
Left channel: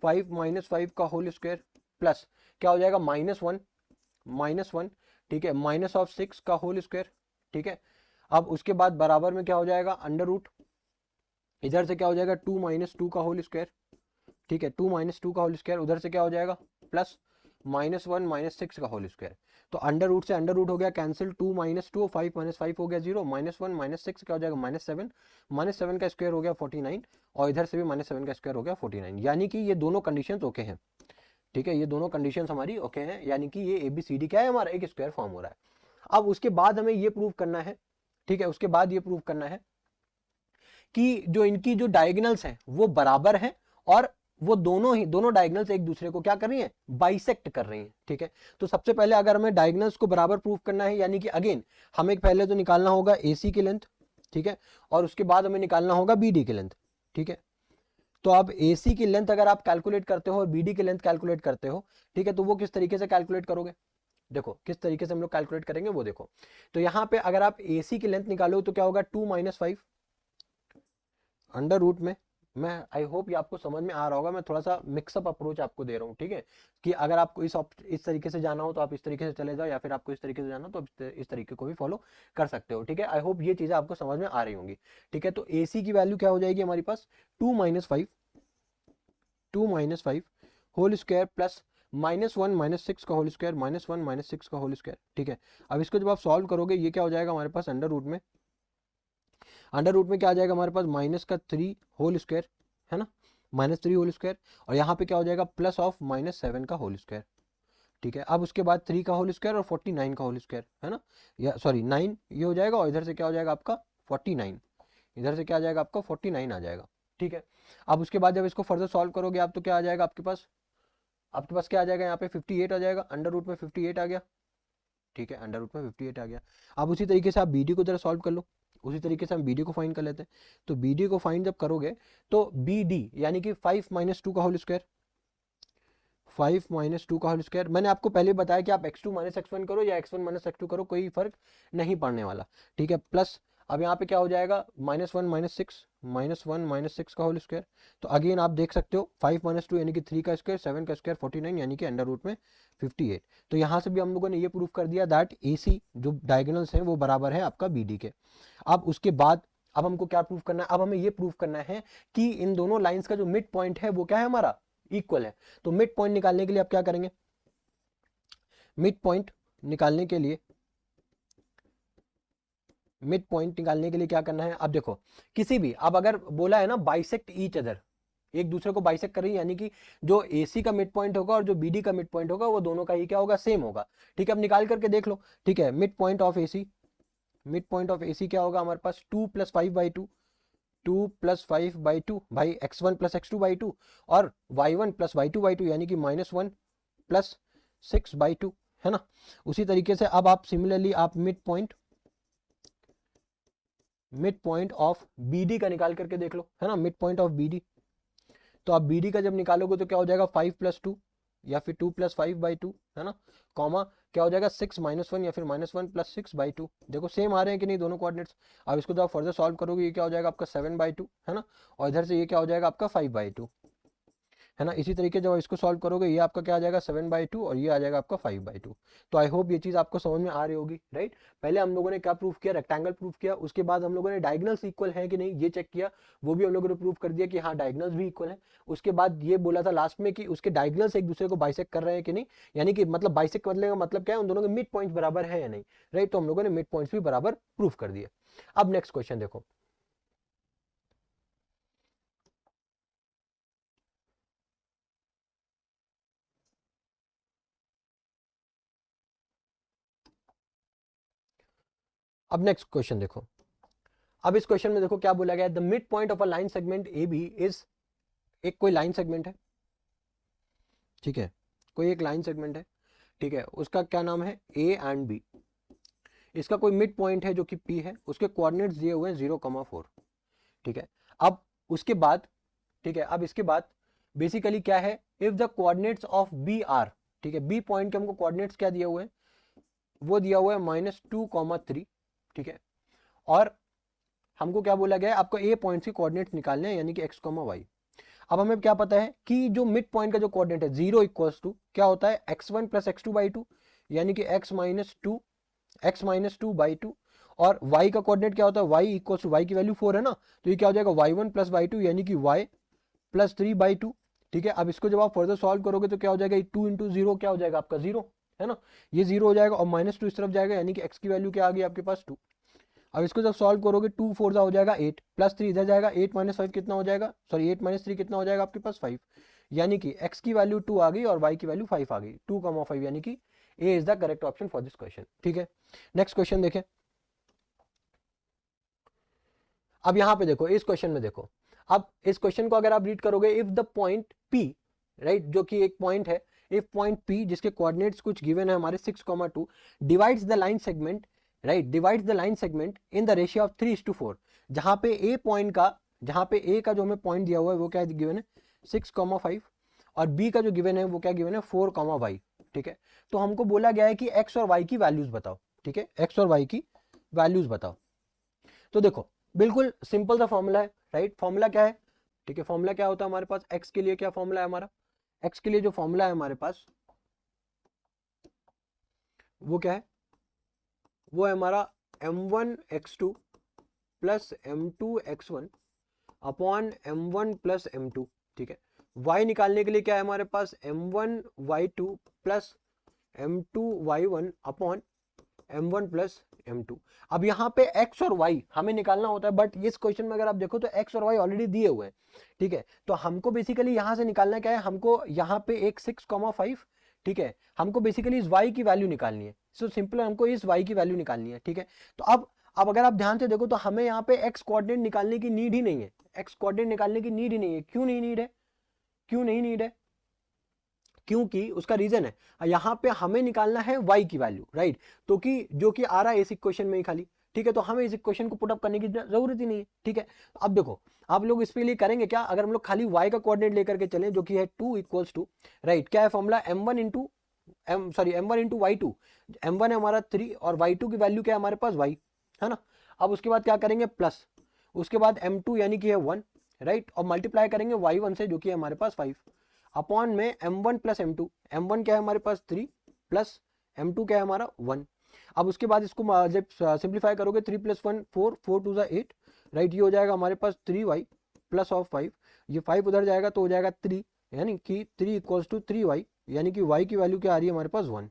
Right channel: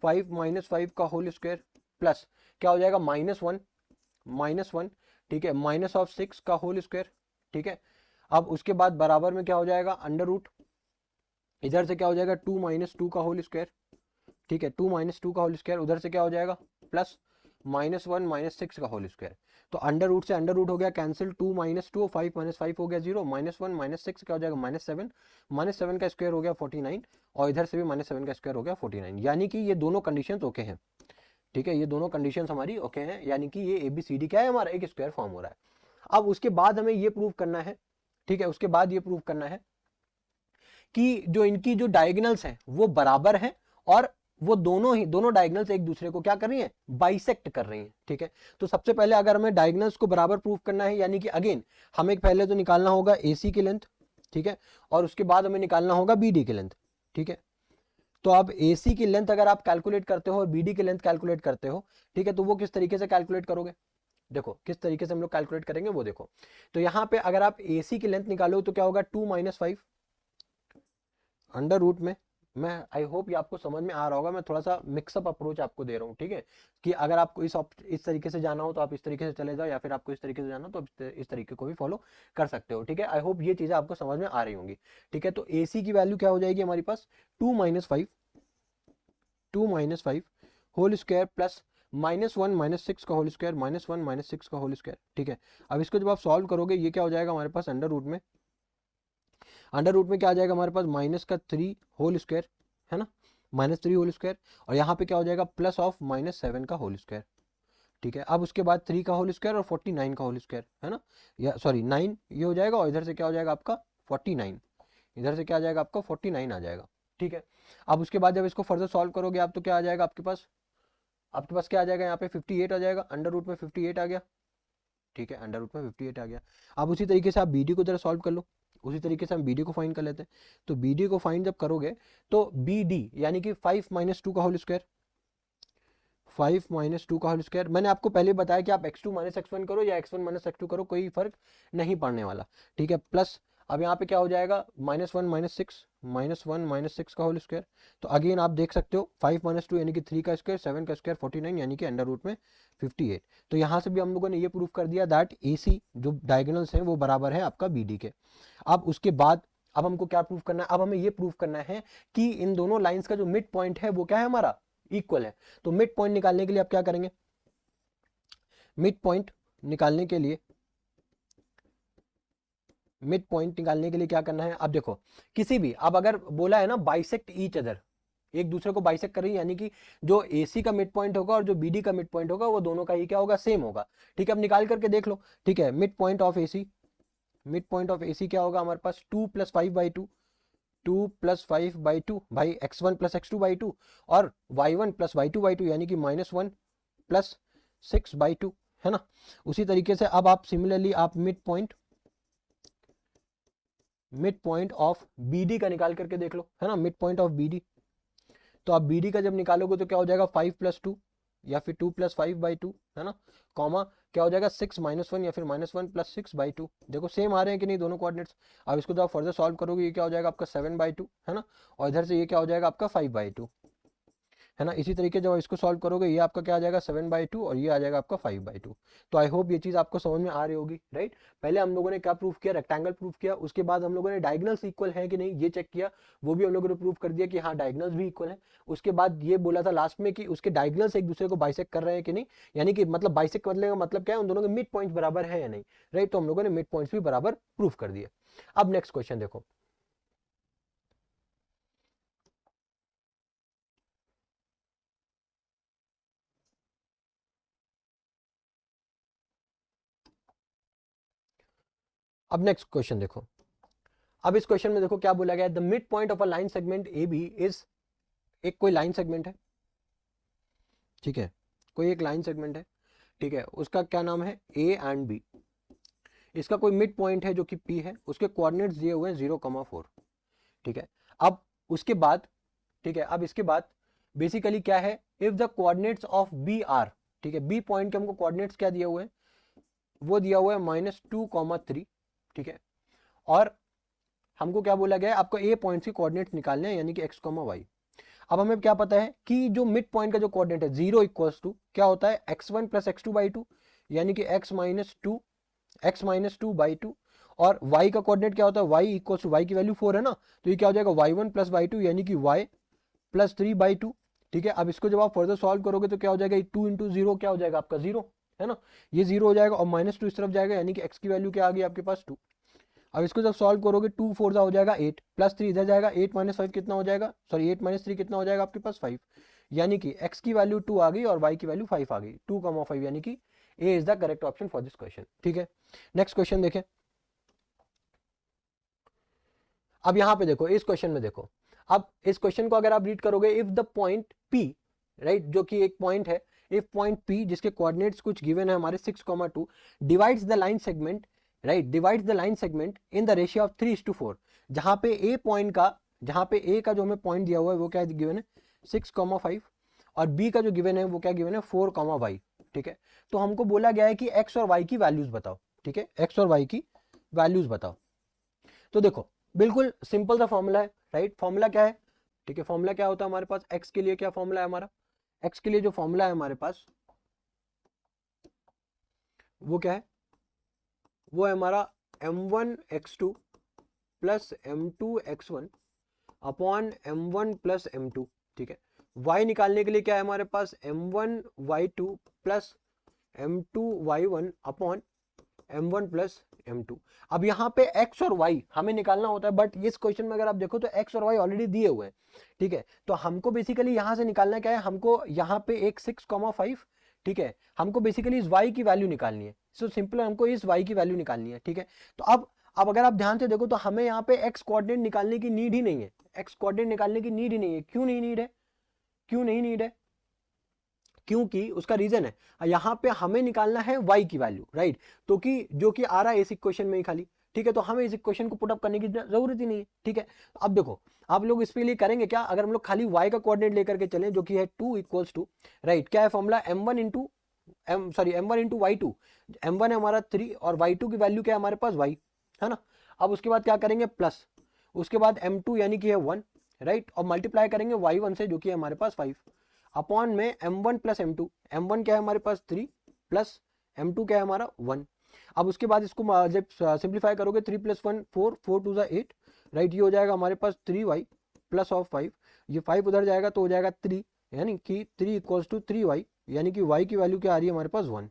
5 माइनस 5 का होल स्क्वायर प्लस क्या हो जाएगा -1, ठीक है, -6 का होल स्क्वायर, ठीक है। अब उसके बाद बराबर में क्या हो जाएगा अंडर रूट, इधर से क्या हो जाएगा 2 माइनस 2 का होल स्क्वायर, ठीक है, 2 माइनस 2 का होल स्क्वायर, उधर से क्या हो जाएगा प्लस -1 -6 का होल स्क्वायर। तो अंडर रूट से अंडर रूट हो गया कैंसिल, 2 माइनस 2, 5 माइनस 5 हो गया 0, -1 -6 क्या हो जाएगा -7 का स्क्वायर हो गया 49, और इधर से भी -7 का स्क्वायर हो गया 49, यानी कि ये दोनों कंडीशंस ओके हैं, ठीक है, ये दोनों कंडीशंस हमारी ओके हैं, यानी कि ये ABCD क्या है हमारा एक स्क्वायर फॉर्म हो रहा है। अब उसके बाद हमें ये प्रूव करना है, ठीक है, उसके बाद ये प्रूव करना है कि जो इनकी जो डायगोनल्स हैं वो बराबर हैं, और वो दोनों डायगोनल्स एक दूसरे को क्या कर रही हैं, बाइसेक्ट कर रही हैं, ठीक है। तो सबसे पहले अगर हमें डायगोनल्स को बराबर प्रूव करना है, यानी कि अगेन हमें पहले तो निकालना होगा AC की लेंथ, ठीक है, और उसके बाद हमें निकालना होगा BD की लेंथ, ठीक है। तो अब AC की लेंथ अगर आप कैलकुलेट करते हो और BD की लेंथ कैलकुलेट करते हो, ठीक है, तो वो किस तरीके से कैलकुलेट करोगे, देखो किस तरीके से हम लोग कैलकुलेट करेंगे वो देखो। तो यहाँ पे अगर आप AC की लेंथ निकालो तो क्या होगा 2 माइनस 5 अंडर रूट में, मैं आई होप ये आपको समझ में आ रहा होगा, मैं थोड़ा सा मिक्सअप अप्रोच आपको दे रहा हूँ, ठीक है, कि अगर आपको इस तरीके से जाना हो तो आप इस तरीके से चले जाओ, या फिर आपको इस तरीके से जाना हो तो आप इस तरीके को भी फॉलो कर सकते हो, ठीक है। आई होप ये चीजें आपको समझ में आ रही होंगी, ठीक है। तो AC की वैल्यू क्या हो जाएगी हमारे पास 2 माइनस 5 होल स्क्वायर प्लस -1 -6 का होल स्क्वायर, -1 -6 का होल स्क्वायर, ठीक है। अब इसको जब आप सॉल्व करोगे ये क्या हो जाएगा हमारे पास अंडर रूट में क्या आ जाएगा हमारे पास -3 होल स्क्वायर, है ना, -3 होल स्क्वायर, और यहाँ पे क्या हो जाएगा प्लस ऑफ -7 का होल स्क्वायर, ठीक है। अब उसके बाद 3 का होल स्क्वायर और 49 का होल स्क्वायर, है ना, या सॉरी 9 ये हो जाएगा, और इधर से क्या हो जाएगा आपका 49, इधर से क्या आ जाएगा आपका 49 आ जाएगा, ठीक है। अब उसके बाद जब इसको फर्दर सॉल्व करोगे आप तो क्या आ जाएगा आपके पास क्या आ जाएगा यहाँ पे 58 आ जाएगा, अंडर रूट में 58 आ गया, ठीक है, अंडर रूट में 58 आ गया। अब उसी तरीके से आप BD को जरा सॉल्व कर लो, उसी तरीके से हम BD को फाइंड कर लेते हैं। तो BD को फाइंड जब करोगे तो BD यानी कि 5 माइनस 2 का होल स्क्वायर, 5 माइनस 2 का होल स्क्वायर, मैंने आपको पहले बताया कि आप x2 माइनस x1 करो या x1 माइनस x2 करो, कोई फर्क नहीं पड़ने वाला, ठीक है, प्लस अब यहाँ पे क्या हो जाएगा -1 -6 का होल स्क्वायर। तो अगेन आप देख सकते हो 5 माइनस 2 यानी कि 3 का स्क्वायर, 7 का स्क्वायर 49 यानी कि अंडर रूट में 58। तो यहाँ से भी हम लोगों ने ये प्रूफ कर दिया दैट AC जो डायगोनल्स हैं वो बराबर है आपका BD के। अब उसके बाद अब हमको क्या प्रूफ करना है, अब हमें ये प्रूफ करना है कि इन दोनों लाइंस का जो मिड पॉइंट है वो क्या है हमारा इक्वल है। तो मिड पॉइंट निकालने के लिए आप क्या करेंगे, मिड पॉइंट निकालने के लिए क्या करना है, अब देखो किसी भी, अब अगर बोला है ना बाइसेक्ट ईच अदर, एक दूसरे को बाइसेक्ट कर रही है, यानी कि जो AC का मिड पॉइंट होगा और जो BD का मिड पॉइंट होगा वो दोनों का ही क्या होगा सेम होगा, ठीक है। अब निकाल करके देख लो, ठीक है, मिड पॉइंट ऑफ AC क्या होगा हमारे पास 2 + 5/2, 2 + 5/2 भाई x1 + x2/2 और y1 + y2/2 यानी कि -1 + 6/2, है ना। उसी तरीके से अब आप सिमिलरली आप मिड पॉइंट ऑफ BD का निकाल करके देख लो, है ना, मिड पॉइंट ऑफ BD। तो आप BD का जब निकालोगे तो क्या हो जाएगा 5 + 2 या फिर 2 + 5/2, है ना, कॉमा क्या हो जाएगा 6 -1 या फिर -1 + 6/2, देखो सेम आ रहे हैं कि नहीं दोनों कोऑर्डिनेट्स। अब इसको जब आप फर्दर सॉल्व करोगे ये क्या हो जाएगा आपका 7/2, है ना, और इधर से ये क्या हो जाएगा आपका 5/2, है ना। इसी तरीके जब इसको सॉल्व करोगे ये आपका क्या आ जाएगा 7/2 और ये आ जाएगा आपका 5/2। तो आई होप ये चीज आपको समझ में आ रही होगी, राइट। पहले हम लोगों ने क्या प्रूफ किया, रेक्टेंगल प्रूफ किया, उसके बाद हम लोगों ने डायगोनल्स इक्वल है कि नहीं ये चेक किया, वो भी हम लोगों ने प्रूफ कर दिया कि हाँ डायगोनल्स भी इक्वल है। उसके बाद ये बोला था लास्ट में कि उसके डायगोनल्स एक दूसरे को बाइसेक्ट कर रहे हैं कि नहीं, यानी कि मतलब बाइसेक्ट करने का मतलब क्या है उन दोनों के मिड पॉइंट बराबर है या नहीं, राइट। तो हम लोगों ने मिड पॉइंट भी बराबर प्रूफ कर दिया। अब नेक्स्ट क्वेश्चन, अब नेक्स्ट क्वेश्चन देखो। अब इस क्वेश्चन में देखो क्या बोला गया, the mid point of a line segment AB is, एक कोई लाइन सेगमेंट है, ठीक है, कोई एक लाइन सेगमेंट है, ठीक है, उसका क्या नाम है A एंड B, इसका कोई मिड पॉइंट है जो कि P है, उसके कोऑर्डिनेट्स दिए हुए हैं 0,4, ठीक है। अब उसके बाद, ठीक है, अब इसके बाद बेसिकली क्या है, if the coordinates of B are, ठीक है, B पॉइंट के हमको कोऑर्डिनेट्स क्या दिए हुए हैं, वो दिया हुआ है -2,3, ठीक है, और हमको क्या बोला गया है आपको A पॉइंट के कोऑर्डिनेट्स निकालने हैं यानी कि x, y। अब हमें क्या पता है कि जो मिड पॉइंट का जो कोऑर्डिनेट है 0 इक्वल्स टू क्या होता है x1 plus x two by two, यानी कि x minus two by two. और y का कोऑर्डिनेट क्या होता है y इक्वल्स टू, y की वैल्यू 4 है ना, तो ये क्या हो जाएगा y1 प्लस वाई टू, यानी कि y प्लस 3 बाई टू। ठीक है, अब इसको जब आप फर्दर सॉल्व करोगे तो क्या हो जाएगा 2 इंटू जीरो क्या हो जाएगा आपका 0, है ना, ये 0 हो जाएगा और माइनस टू इस तरफ जाएगा, यानी कि x की वैल्यू क्या आ गई आपके पास 2। अब इसको जब सॉल्व करोगे 2 4 हो जाएगा 8 प्लस 3 इधर जाएगा 8 माइनस 5 कितना हो जाएगा, सॉरी 8 माइनस 3 कितना हो जाएगा आपके पास 5, यानी कि x की वैल्यू 2 आ गई और y की वैल्यू 5 आ गई, 2,5, यानी कि A is the correct option for this question. ठीक है, नेक्स्ट क्वेश्चन देखें। अब यहाँ पे देखो, इस क्वेश्चन में देखो, अब इस क्वेश्चन को अगर आप रीड करोगे, if the point P, right, जो कि एक पॉइंट है, इफ पॉइंट P जिसके कोऑर्डिनेट्स कुछ गिवन है हमारे 6,2 divides the line segment, right, divides the line segment in the ratio of 3:4, जहां पे ए पॉइंट का, जहां पे ए का जो हमें पॉइंट दिया हुआ है वो क्या गिवन है 6,5 और बी का जो गिवन है वो क्या गिवन है 4,y। ठीक है, तो हमको बोला गया है कि एक्स और वाई की वैल्यूज बताओ। ठीक है, एक्स और वाई की वैल्यूज बताओ। तो देखो बिल्कुल सिंपल सा फॉर्मूला है, राइट, फॉर्मूला क्या है, ठीक है, फॉर्मूला क्या होता है हमारे पास x के लिए, क्या फॉर्मूला है हमारा, x के लिए जो फॉर्मूला है हमारे पास वो क्या है, वो है हमारा m1x2 plus m2x1 upon m1 plus m2। ठीक है, y निकालने के लिए क्या है हमारे पास m1y2 plus m2y1 upon m1 plus m2। अब यहाँ पे x और y हमें निकालना होता है, बट इस क्वेश्चन में अगर आप देखो तो x और y ऑलरेडी दिए हुए हैं। ठीक है, तो हमको बेसिकली यहाँ से निकालना क्या है, हमको यहाँ पे एक 6,5, ठीक है, हमको बेसिकली इस y की वैल्यू निकालनी है। सो सिंपल हमको इस y की वैल्यू निकालनी है। ठीक है, तो अब अगर आप ध्यान से देखो तो हमें यहाँ पे x कोऑर्डिनेट निकालने की नीड ही नहीं है, x कोऑर्डिनेट निकालने की नीड ही नहीं है। क्यों नहीं नीड है, क्यों नहीं नीड है, क्योंकि उसका रीजन है यहाँ पे हमें निकालना है y की वैल्यू, राइट, तो कि जो कि आ रहा है इस इक्वेशन में ही खाली। ठीक है, तो हमें इस इक्वेशन को पुट अप करने की जरूरत ही नहीं है। ठीक है, अब देखो आप लोग इसके लिए करेंगे क्या, अगर हम लोग खाली y का कोऑर्डिनेट लेकर के चलें जो कि है 2 इक्वल्स टू, राइट, क्या है formula m1 into m1 into y2, m1 है हमारा 3 और y2 की वैल्यू क्या है हमारे पास y, है ना। अब उसके बाद क्या करेंगे प्लस, उसके बाद m2 यानी कि है 1, राइट, और मल्टीप्लाई करेंगे y1 से जो कि है हमारे पास 5 अपॉन में m1 प्लस m2, m1 क्या है हमारे पास 3 प्लस m2 क्या है हमारा 1। अब उसके बाद इसको जब सिंप्लीफाई करोगे 3 प्लस 1 4, 4 टू 8, राइट, ये हो जाएगा हमारे पास 3y प्लस ऑफ 5, ये 5 उधर जाएगा तो हो जाएगा 3, यानी कि 3 इक्वल्स टू 3y, यानी कि y की वैल्यू क्या आ रही है हमारे पास 1।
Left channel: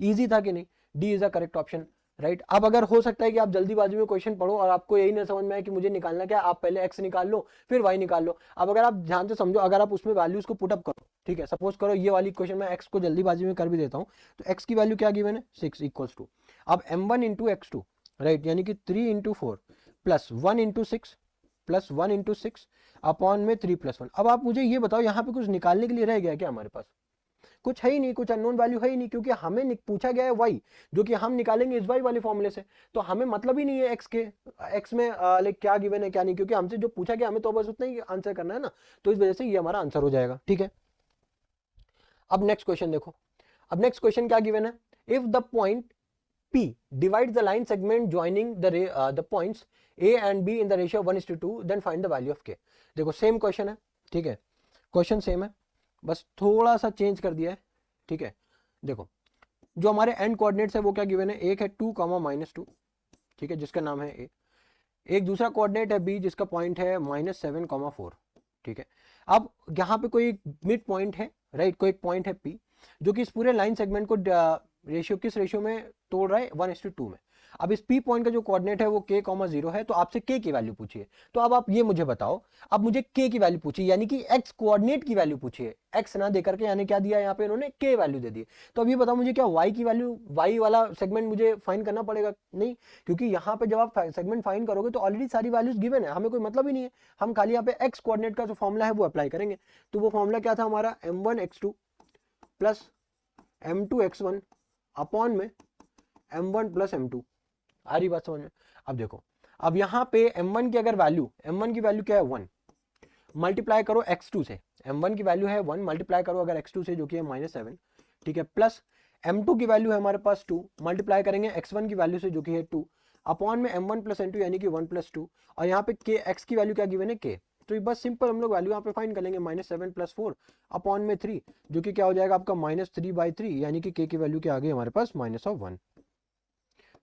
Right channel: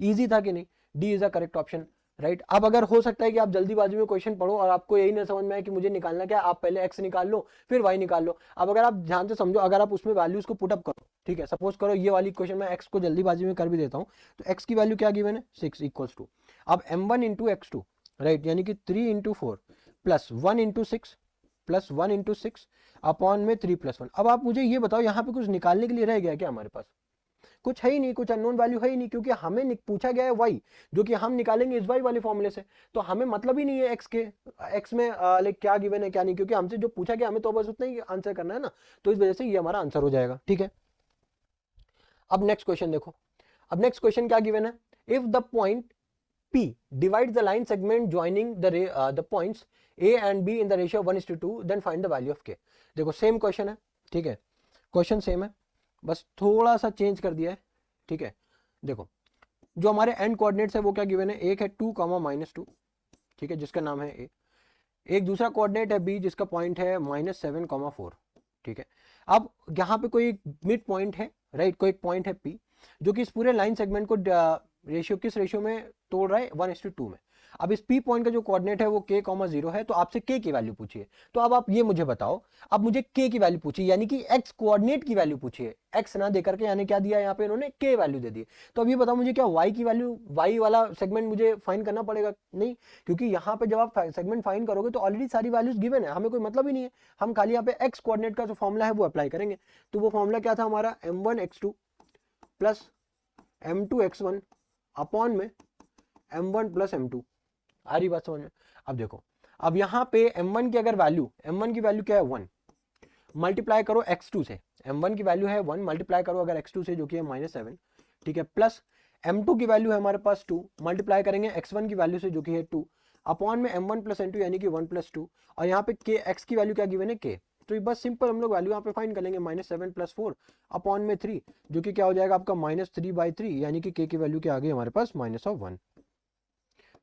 इजी था कि नहीं, D is the correct option, right. अब अगर हो सकता है कि आप जल्दीबाजी में क्वेश्चन पढ़ो और आपको यही नहीं समझ में आए कि मुझे निकालना क्या, आप पहले एक्स निकाल लो फिर वाई निकाल लो। अब अगर आप ध्यान से समझो, अगर आप उसमें वैल्यूज को पुटअप करो, ठीक है, सपोज करो ये वाली क्वेश्चन में एक्स को जल्दीबाजी में कर भी देता हूँ, तो एक्स की वैल्यू क्या गिवन है 6 इक्वल्स टू, अब m1 इंटू x2, राइट, यानी कि 3 into 4 plus 1 into 6 plus 1 into 6 upon में 3 प्लस 1। अब आप मुझे ये बताओ यहाँ पे कुछ निकालने के लिए रह गया क्या हमारे पास, कुछ है ही नहीं, कुछ अननोन वैल्यू है ही नहीं, क्योंकि हमें पूछा गया है y जो कि हम निकालेंगे इस y वाले फॉर्मूले से, तो हमें मतलब ही नहीं है x के, x में लाइक क्या गिवन है क्या नहीं, क्योंकि हमसे जो पूछा गया हमें तो बस उतना ही आंसर करना है ना, तो इस वजह से ये हमारा आंसर हो जाएगा। ठीक है, अब नेक्स्ट क्वेश्चन देखो, अब नेक्स्ट क्वेश्चन क्या गिवन है, if the point P divides the line segment joining the points A and B in the ratio 1:2, then find the value of K। देखो सेम क्वेश्चन है, ठीक है, क्वेश्चन सेम है, बस थोड़ा सा चेंज कर दिया है। ठीक है, देखो जो हमारे एंड कोऑर्डिनेट्स है वो क्या गिवन है, एक है 2, -2, ठीक है, जिसका नाम है ए, एक दूसरा कोऑर्डिनेट है बी जिसका पॉइंट है -7, 4। ठीक है, अब यहाँ पे कोई मिड पॉइंट है, राइट, कोई पॉइंट है पी जो कि इस पूरे लाइन सेगमेंट को रेशियो किस रेशियो में तोड़ रहा है 1:2 में। अब इस पी पॉइंट का जो कोऑर्डिनेट है वो k, 0 है, तो आपसे k की वैल्यू पूछिए। तो अब आप ये मुझे बताओ, अब मुझे k की वैल्यू पूछिए, यानी कि x कोऑर्डिनेट की वैल्यू पूछिए, x ना देकर के, यानी क्या दिया यहाँ पे इन्होंने k वैल्यू दे दी। तो अब ये बताओ मुझे क्या y की वैल्यू, y वाला सेगमेंट मुझे फाइंड करना पड़ेगा, नहीं, क्योंकि यहाँ पे जब आप सेगमेंट फाइंड करोगे तो ऑलरेडी सारी वैल्यूज गिवन है, हमें कोई मतलब ही नहीं है, हम खाली यहाँ पे x कोऑर्डिनेट का जो फॉर्मूला है वो अप्लाई करेंगे। तो वो फॉर्मूला क्या था हमारा m1x2 प्लस m2x1 अपॉन में m1 प्लस m2। आ रही बात समझ में। अब देखो, अब यहाँ पे m1 की अगर वैल्यू, m1 की वैल्यू क्या है 1, मल्टीप्लाई करो x2 से, m1 की वैल्यू है 1, मल्टीप्लाई करो अगर x2 से जो कि है -7, ठीक है, प्लस m2 की वैल्यू है हमारे पास 2, मल्टीप्लाई करेंगे x1 की वैल्यू से जो कि है 2 अपॉन में m1 प्लस m2 यानी कि 1 प्लस 2, और यहाँ पे k x की वैल्यू क्या गिवन है k, तो बस सिंपल हम लोग वैल्यू यहाँ पे फाइंड कर लेंगे, -7 + 4 अपॉन में 3, जो कि क्या हो जाएगा आपका -3/3, यानी कि k की वैल्यू क्या आ गई हमारे पास -1।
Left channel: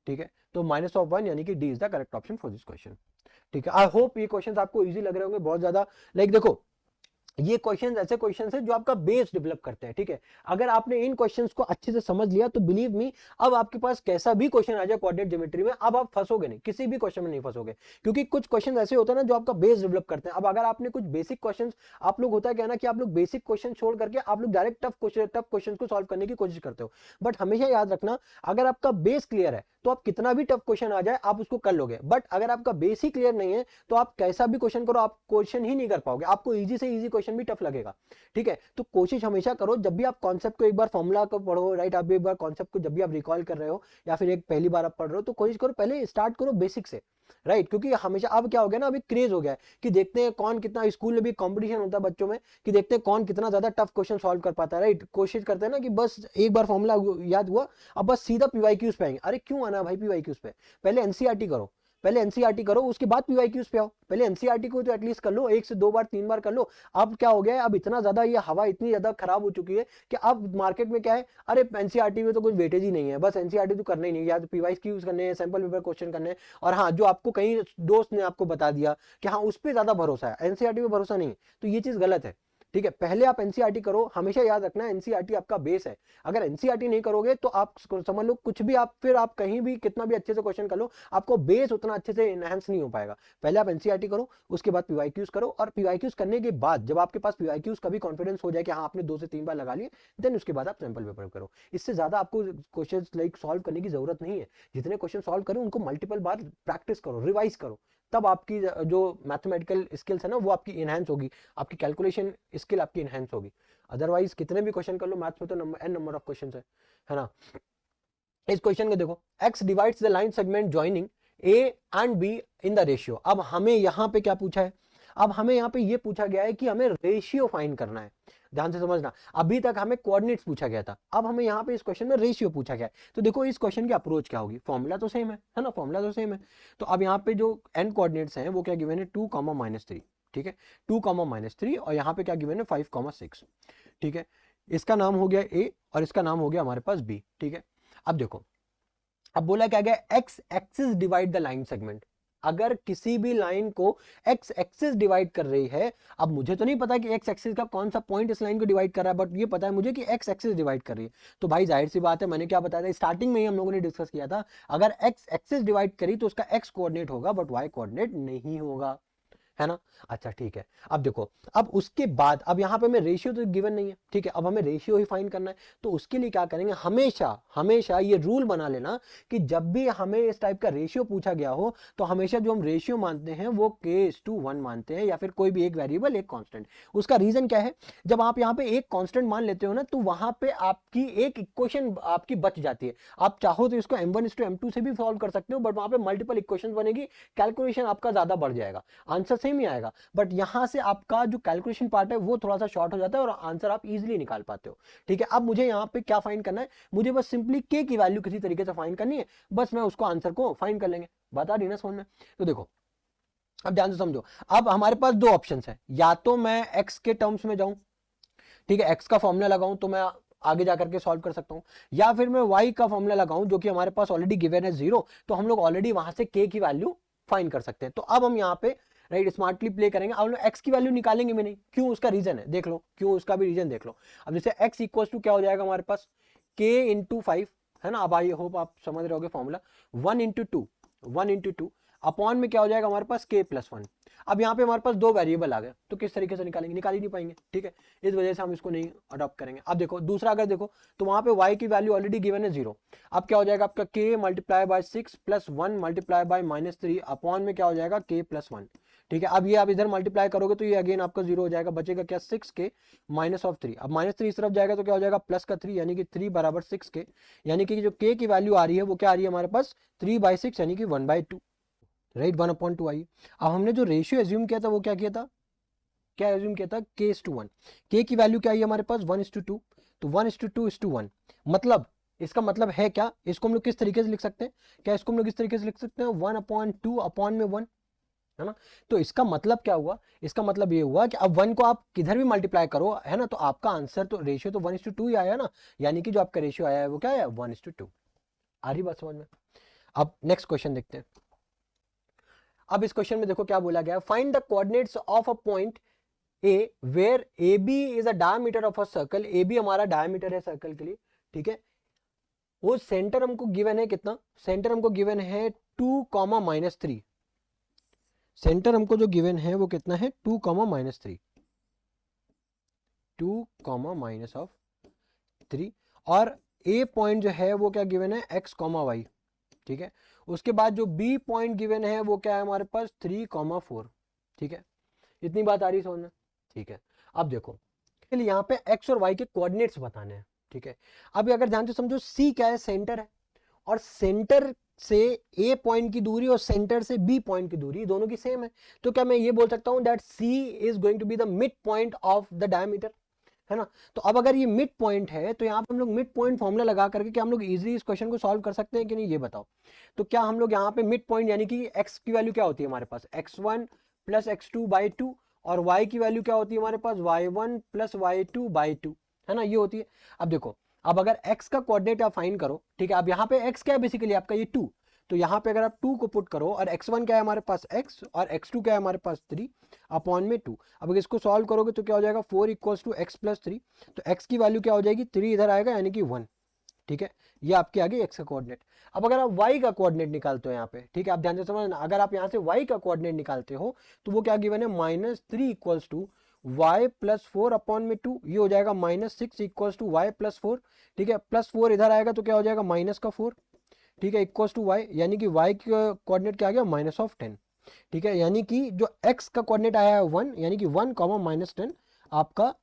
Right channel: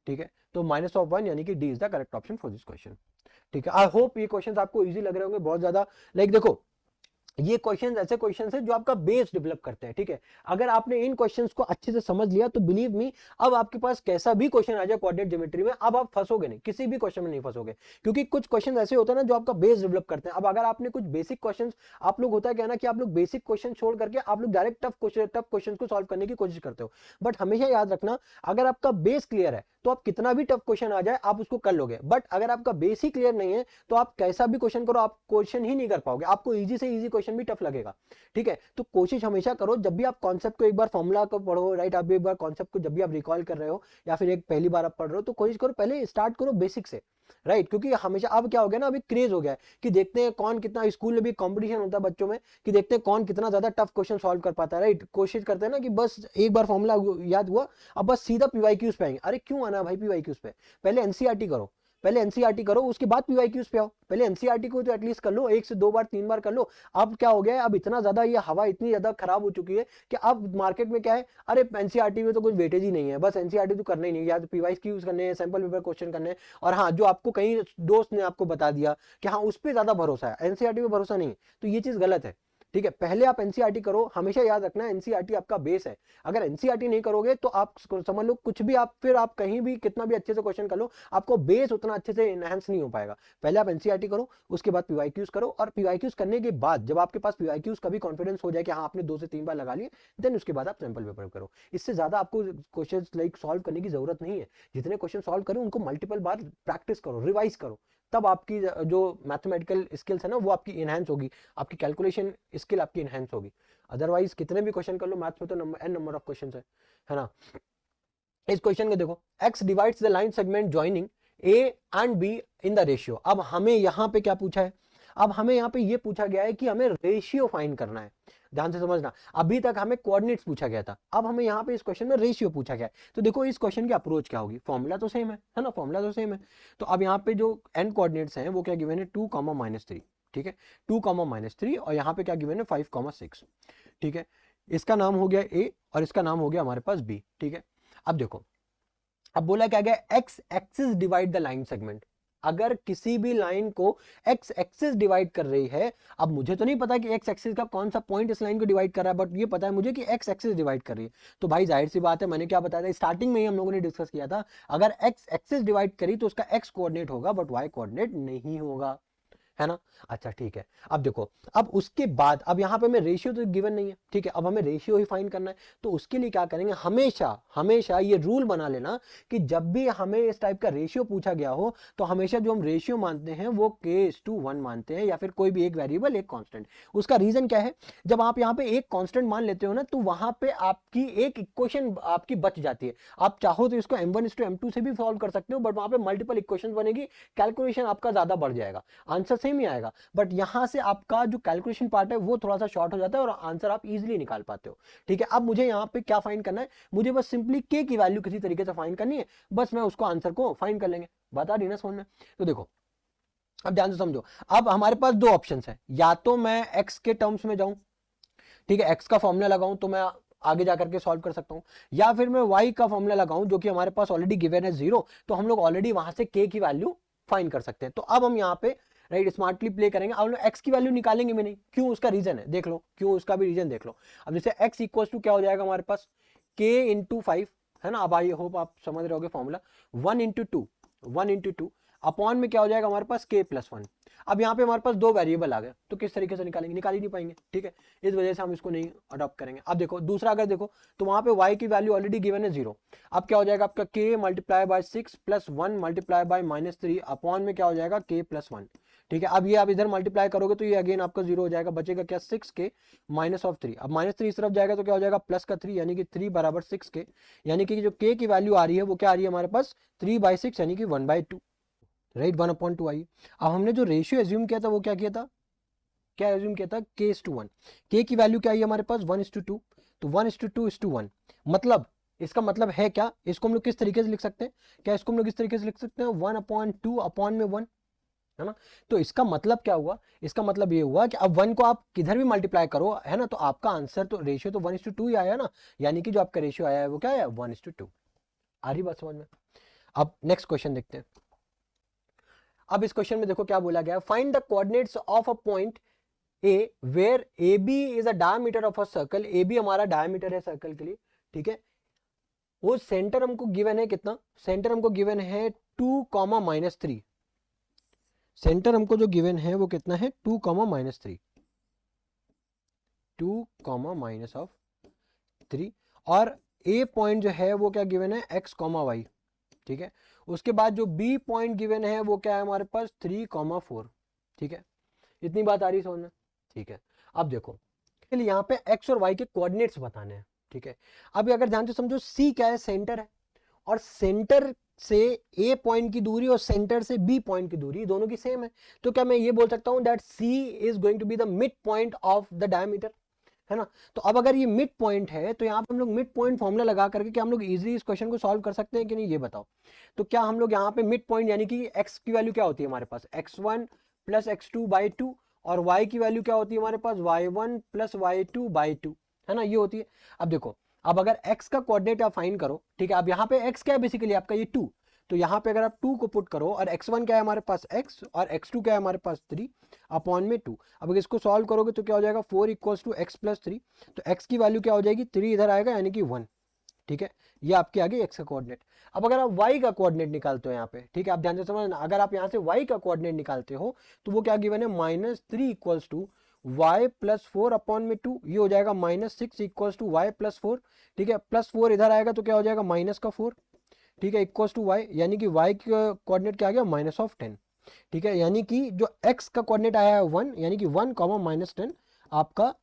ठीक है, तो -1 यानी कि D is the correct option for this question. ठीक है, आई होप ये क्वेश्चन आपको इजी लग रहे होंगे बहुत ज्यादा। लाइक देखो, ये क्वेश्चंस ऐसे क्वेश्चंस है जो आपका बेस डेवलप करते हैं। ठीक है, अगर आपने इन क्वेश्चंस को अच्छे से समझ लिया तो बिलीव मी, अब आपके पास कैसा भी क्वेश्चन आ जाए कोऑर्डिनेट ज्योमेट्री में, अब आप फंसोगे नहीं, किसी भी क्वेश्चन में नहीं फंसोगे, क्योंकि कुछ क्वेश्चन ऐसे होते हैं ना जो आपका बेस डेवलप करते हैं। अब अगर आपने कुछ बेसिक क्वेश्चन, आप लोग होता है क्या ना कि आप लोग बेसिक क्वेश्चन छोड़ करके आप लोग डायरेक्ट टफ क्वेश्चन को सॉल्व करने की कोशिश करते हो, बट हमेशा याद रखना, अगर आपका बेस क्लियर है तो आप कितना भी टफ क्वेश्चन आ जाए आप उसको कर लोगे, बट अगर आपका बेस ही क्लियर नहीं है तो आप कैसा भी क्वेश्चन करो आप क्वेश्चन ही नहीं कर पाओगे, आपको इजी से इजी क्वेश्चन भी टफ लगेगा। ठीक है, तो कोशिश हमेशा करो जब भी आप कॉन्सेप्ट को एक बार फॉर्मूला को पढ़ो, राइट, आप एक बार कॉन्सेप्ट को जब भी आप रिकॉल कर रहे हो या फिर एक पहली बार आप पढ़ रहे हो, तो कोशिश करो पहले स्टार्ट करो बेसिक से, राइट, क्योंकि हमेशा अब क्या हो गया ना, अभी क्रेज हो गया है कि देखते हैं कौन कितना, स्कूल में भी कंपटीशन होता है बच्चों में कि देखते हैं कौन कितना ज्यादा टफ क्वेश्चन सॉल्व कर पाता है, राइट। कोशिश करते हैं ना कि बस एक बार फॉर्मूला याद हुआ अब बस सीधा पीवाईक्यूज पे आएंगे। अरे क्यों आना भाई पीवाईक्यूज पे, पहले एनसीईआरटी करो, पहले एनसीईआरटी करो, उसके बाद पीवाईक्यूज पे आओ। पहले एनसीईआरटी को तो एटलीस्ट कर लो, 1 से 2 बार 3 बार कर लो। अब क्या हो गया है, अब इतना ज्यादा ये हवा इतनी ज्यादा खराब हो चुकी है कि अब मार्केट में क्या है, अरे एनसीईआरटी में तो कुछ वेटेज ही नहीं है, बस एनसीईआरटी तो करना ही नहीं, या तो पीवाईक्यूज करने हैं, सैंपल पेपर क्वेश्चन करने हैं, और हाँ जो आपको कई दोस्त ने आपको बता दिया कि हाँ उस पर ज्यादा भरोसा है, एनसीईआरटी में भरोसा नहीं, तो ये चीज गलत है। ठीक है, पहले आप एनसीईआरटी करो, हमेशा याद रखना एनसीईआरटी आपका बेस है। अगर एनसीईआरटी नहीं करोगे तो आप समझ लो कुछ भी, आप फिर आप कहीं भी कितना भी अच्छे से क्वेश्चन कर लो, आपको बेस उतना अच्छे से एनहांस नहीं हो पाएगा। पहले आप एनसीईआरटी करो, उसके बाद पीवाईक्यूज करो, और पीवाईक्यूज करने के बाद जब आपके पास पीवाईक्यूज का भी कॉन्फिडेंस हो जाए कि हाँ आपने 2 से 3 बार लगा लिए, देन उसके बाद आप सैंपल पेपर करो। इससे ज्यादा आपको क्वेश्चन लाइक सॉल्व करने की जरूरत नहीं है। जितने क्वेश्चन सॉल्व करो उनको मल्टीपल बार प्रैक्टिस करो, रिवाइज करो, तब आपकी जो मैथमेटिकल स्किल्स है ना वो आपकी इनहेंस होगी, आपकी कैलकुलेशन स्किल आपकी इनहेंस होगी। अदरवाइज कितने भी क्वेश्चन कर लो मैथ्स में तो एन नंबर ऑफ क्वेश्चन है ना। इस क्वेश्चन को देखो, x divides the line segment joining a and b in the ratio. अब हमें यहाँ पे क्या पूछा है, अब हमें यहाँ पे ये पूछा गया है कि हमें रेशियो फाइंड करना है। ध्यान से समझना, अभी तक हमें कोऑर्डिनेट्स पूछा गया था, अब हमें यहाँ पे इस क्वेश्चन में रेशियो पूछा गया है। तो देखो इस क्वेश्चन की अप्रोच क्या होगी, फॉर्मूला तो सेम है ना, फॉर्मूला तो सेम है। तो अब यहाँ पे जो n कोऑर्डिनेट्स हैं वो क्या गिवन है 2, -3। ठीक है, 2, -3, और यहाँ पे क्या गिवन है 5, 6। ठीक है, इसका नाम हो गया a और इसका नाम हो गया हमारे पास b। ठीक है, अब देखो, अब बोला क्या गया, x axis divide the line segment. अगर किसी भी लाइन को एक्स एक्सिस डिवाइड कर रही है, अब मुझे तो नहीं पता कि एक्स एक्सिस का कौन सा पॉइंट इस लाइन को डिवाइड कर रहा है, बट ये पता है मुझे कि एक्स एक्सिस डिवाइड कर रही है। तो भाई जाहिर सी बात है, मैंने क्या बताया था स्टार्टिंग में ही हम लोगों ने डिस्कस किया था, अगर एक्स एक्सिस डिवाइड करी तो उसका एक्स कोऑर्डिनेट होगा बट वाई कोऑर्डिनेट नहीं होगा, है ना। अच्छा ठीक है, अब देखो, अब उसके बाद अब यहाँ पे हमें रेशियो तो गिवन नहीं है, ठीक है, अब हमें रेशियो ही फाइंड करना है। तो उसके लिए क्या करेंगे, हमेशा हमेशा ये रूल बना लेना कि जब भी हमें इस टाइप का रेशियो पूछा गया हो तो हमेशा जो हम रेशियो मानते हैं वो k:1 मानते हैं, या फिर कोई भी एक वेरिएबल एक कांस्टेंट। उसका रीजन क्या है, जब आप यहाँ पे एक कांस्टेंट मान लेते हो ना तो वहां पे आपकी एक इक्वेशन आपकी बच जाती है। आप चाहो तो इसको m1:m2 से भी सॉल्व कर सकते हो, बट वहां पे मल्टीपल इक्वेशन बनेगी, कैलकुलेशन आपका ज्यादा बढ़ जाएगा, आंसर सेम ही आएगा, बट यहां से आपका जो कैलकुलेशन पार्ट है वो थोड़ा सा शॉर्ट हो जाता है और आंसर आप इजीली निकाल पाते हो। ठीक है, अब मुझे यहाँ पे क्या फाइंड करना है, मुझे बस सिंपली k की वैल्यू किसी तरीके से फाइंड करनी है, बस मैं उसको आंसर को फाइंड कर लेंगे, बता दी ना समझ में। तो देखो अब ध्यान से समझो, अब हमारे पास दो ऑप्शंस है, या तो मैं x के टर्म्स में जाऊं, ठीक है, x का फॉर्मूला लगाऊं तो मैं आगे जाकर के सॉल्व कर सकता हूं, या फिर मैं y का फॉर्मूला लगाऊं जो कि हमारे पास ऑलरेडी गिवन है 0, तो हम लोग ऑलरेडी वहां से k की वैल्यू फाइंड कर सकते हैं। तो अब हम यहाँ पे राइट स्मार्टली प्ले करेंगे, अब x की वैल्यू निकालेंगे मैंने, क्यों, उसका रीजन है देख लो, क्यों उसका भी रीजन देख लो। अब जैसे x इक्वल टू क्या हो जाएगा हमारे पास k × 5, है ना, अब आई होप आप समझ रहे हो, 1 × 2 अपॉन में क्या हो जाएगा हमारे पास k+1। अब यहाँ पे हमारे पास दो वेरिएबल आ गए, तो किस तरीके से निकालेंगे, निकाल ही नहीं पाएंगे, ठीक है, इस वजह से हम इसको नहीं अडॉप्ट करेंगे। अब देखो दूसरा, अगर देखो तो वहां पे y की वैल्यू ऑलरेडी गिवन है 0, अब क्या हो जाएगा आपका k × 6 + 1 × -3 अपॉन में क्या हो जाएगा k+1। ठीक है, अब ये आप इधर मल्टीप्लाई करोगे तो ये अगेन आपका 0 हो जाएगा, बचेगा क्या 6k -3। अब -3 इस तरफ जाएगा तो क्या हो जाएगा +3, यानी कि 3 = 6k, यानी कि जो k की वैल्यू आ रही है वो क्या आ रही है हमारे पास 3/6, यानी कि 1/2, राइट, 1/2 आई। अब हमने जो रेशियो एज्यूम किया था वो क्या किया था, क्या एज्यूम किया था k:1, k की वैल्यू क्या आई हमारे पास 1:2, तो 1:2:1, मतलब इसका मतलब है क्या, इसको हम लोग किस तरीके से लिख सकते हैं, क्या इसको हम लोग इस तरीके से लिख सकते हैं 1/2 अपॉन में 1, है ना। तो इसका मतलब क्या हुआ, इसका मतलब ये हुआ कि अब 1 को आप किधर भी मल्टीप्लाई करो, है ना, तो आपका आंसर तो रेशियो तो 1:2 ही आया ना, यानी कि जो आपका रेशियो आया है वो क्या है, 1:2। आ रही बात समझ में। अब नेक्स्ट क्वेश्चन देखते हैं। अब इस क्वेश्चन में देखो क्या बोला गया, find the coordinates of a point A where A B is a diameter of a circle, A B हमारा डायमीटर है सर्कल के लिए, ठीक है। वो सेंटर हमको गिवन है कितना, सेंटर हमको गिवन है 2, -3। सेंटर हमको जो गिवन है वो कितना है 2, -3, 2, -3। और ए पॉइंट जो है वो क्या गिवन है x, y, ठीक है। उसके बाद जो बी पॉइंट गिवन है वो क्या है हमारे पास 3, 4, ठीक है। इतनी बात आ रही समझ में, ठीक है। अब देखो यहाँ पे x और y के कोऑर्डिनेट्स बताने हैं, ठीक है। अब अगर ध्यान से समझो, c क्या है, सेंटर है, और सेंटर से ए पॉइंट की दूरी और सेंटर से बी पॉइंट की दूरी दोनों की सेम है, तो क्या मैं ये बोल सकता हूं that C is going to be the mid point of the diameter, है ना। तो अब अगर ये मिड पॉइंट है तो यहाँ पे हम लोग मिड पॉइंट फॉर्मूला लगा करके क्या हम लोग इजीली इस क्वेश्चन को सॉल्व कर सकते हैं कि नहीं, ये बताओ। तो क्या हम लोग यहाँ पे मिड पॉइंट यानी कि x की वैल्यू क्या होती है हमारे पास, x1 प्लस x2/2, और y की वैल्यू क्या होती है हमारे पास y1 प्लस y2/2, है ना, ये होती है। अब देखो, अब अगर x का कोऑर्डिनेट आप फाइंड करो, ठीक है। अब यहाँ पे x क्या है बेसिकली आपका ये 2, तो यहाँ पे अगर आप 2 को पुट करो और x1 क्या है हमारे पास x और x2 क्या है हमारे पास 3 अपॉन में 2। अब अगर इसको सॉल्व करोगे तो क्या हो जाएगा 4 = x + 3, तो x की वैल्यू क्या हो जाएगी 3 इधर आएगा यानी कि 1, ठीक है। ये आपके आगे x का कोऑर्डिनेट। अब अगर आप y का कोऑर्डिनेट निकालते हो यहाँ पे, ठीक है, आप ध्यान से समझना, अगर आप यहाँ से y का कोऑर्डिनेट निकालते हो तो वो क्या गिवन है -3 = y + 4 अपॉन में 2, ये हो जाएगा -6 = y + 4, ठीक है। +4 इधर आएगा तो क्या हो जाएगा -4, ठीक है, इक्वल्स टू y, यानी कि y का कोऑर्डिनेट क्या आ गया -10, ठीक है। यानी कि जो x का कोऑर्डिनेट आया है 1, यानी कि 1, -10 आपका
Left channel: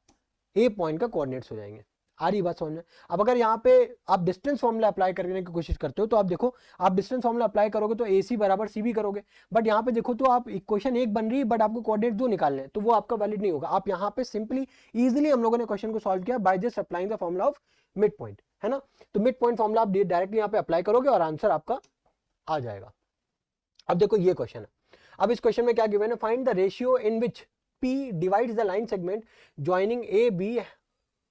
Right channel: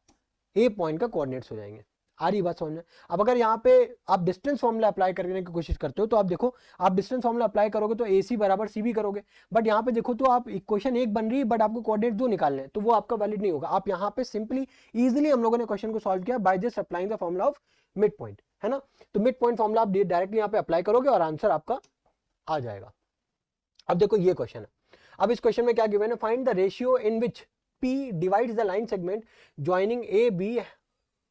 ए पॉइंट का कोऑर्डिनेट्स हो जाएंगे। आ रही बात समझ में। अब अगर यहाँ पे आप डिस्टेंस फॉर्मूला अप्लाई करने की कोशिश करते हो तो आप देखो, आप डिस्टेंस फॉर्मूला अप्लाई करोगे तो ए सी बराबर सी भी करोगे, बट यहाँ पे देखो तो आप इक्वेशन एक बन रही है बट आपको कोऑर्डिनेट दो निकालने हैं, तो वो आपका वैलिड नहीं होगा। आप यहाँ पे सिंपली इजिली हम लोगों ने क्वेश्चन को सॉल्व किया by just applying the formula of mid point, है ना। तो मिड पॉइंट फॉर्मूला आप डायरेक्टली यहाँ पे अप्लाई करोगे और आंसर आपका आ जाएगा। अब देखो ये क्वेश्चन है, अब इस क्वेश्चन में क्या गिवन है, find the ratio in which P divides the line segment joining A B,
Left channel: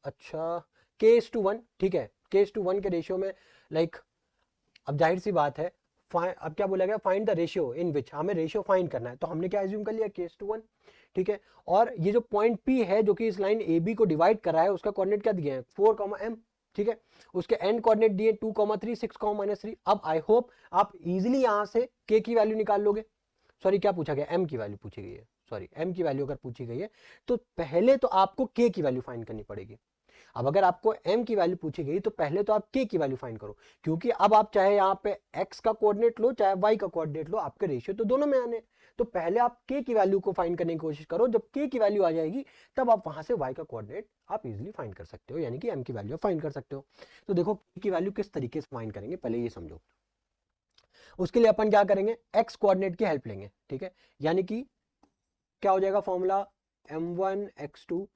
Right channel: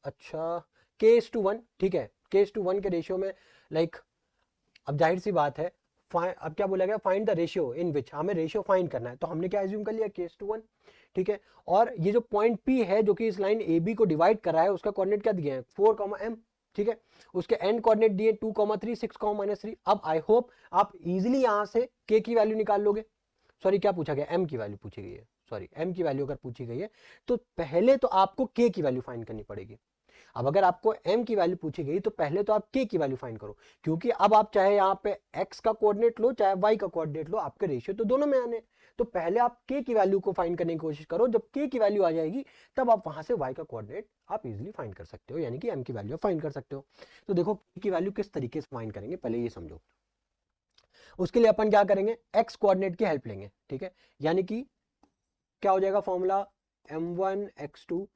अच्छा k:1, ठीक है, k:1 के रेशियो में लाइक अब जाहिर सी बात है, अब क्या बोला गया, फाइंड द रेशियो इन विच, हमें रेशियो फाइंड करना है, तो हमने क्या एज्यूम कर लिया k:1, ठीक है। और ये जो पॉइंट P है जो कि इस लाइन AB को डिवाइड कर रहा है उसका कोऑर्डिनेट क्या दिया है 4, m, ठीक है। उसके एंड कोऑर्डिनेट दिए 2, 3, 6, -3। अब आई होप आप इजीली यहां से k की वैल्यू निकाल लोगे, सॉरी क्या पूछा गया, m की वैल्यू पूछी गई है, सॉरी m की वैल्यू अगर पूछी गई है तो पहले तो आपको k की वैल्यू फाइंड करनी पड़ेगी। अब अगर आपको m की वैल्यू पूछी गई तो पहले तो आप k की वैल्यू फाइंड करो, क्योंकि अब आप चाहे यहाँ पे x का कोऑर्डिनेट लो चाहे y का कोऑर्डिनेट लो, आपके रेशियो तो दोनों में आने, तो पहले आप k की वैल्यू को फाइंड करने की कोशिश करो। जब k की वैल्यू आ जाएगी तब आप वहां से y का कोऑर्डिनेट आप इजीली फाइंड कर सकते हो, यानी कि m की वैल्यू फाइंड कर सकते हो। तो देखो k की वैल्यू किस तरीके से फाइंड करेंगे पहले ये समझो। उसके लिए अपन क्या करेंगे, x कोऑर्डिनेट की हेल्प लेंगे, ठीक है। यानी कि क्या हो जाएगा formula m1x2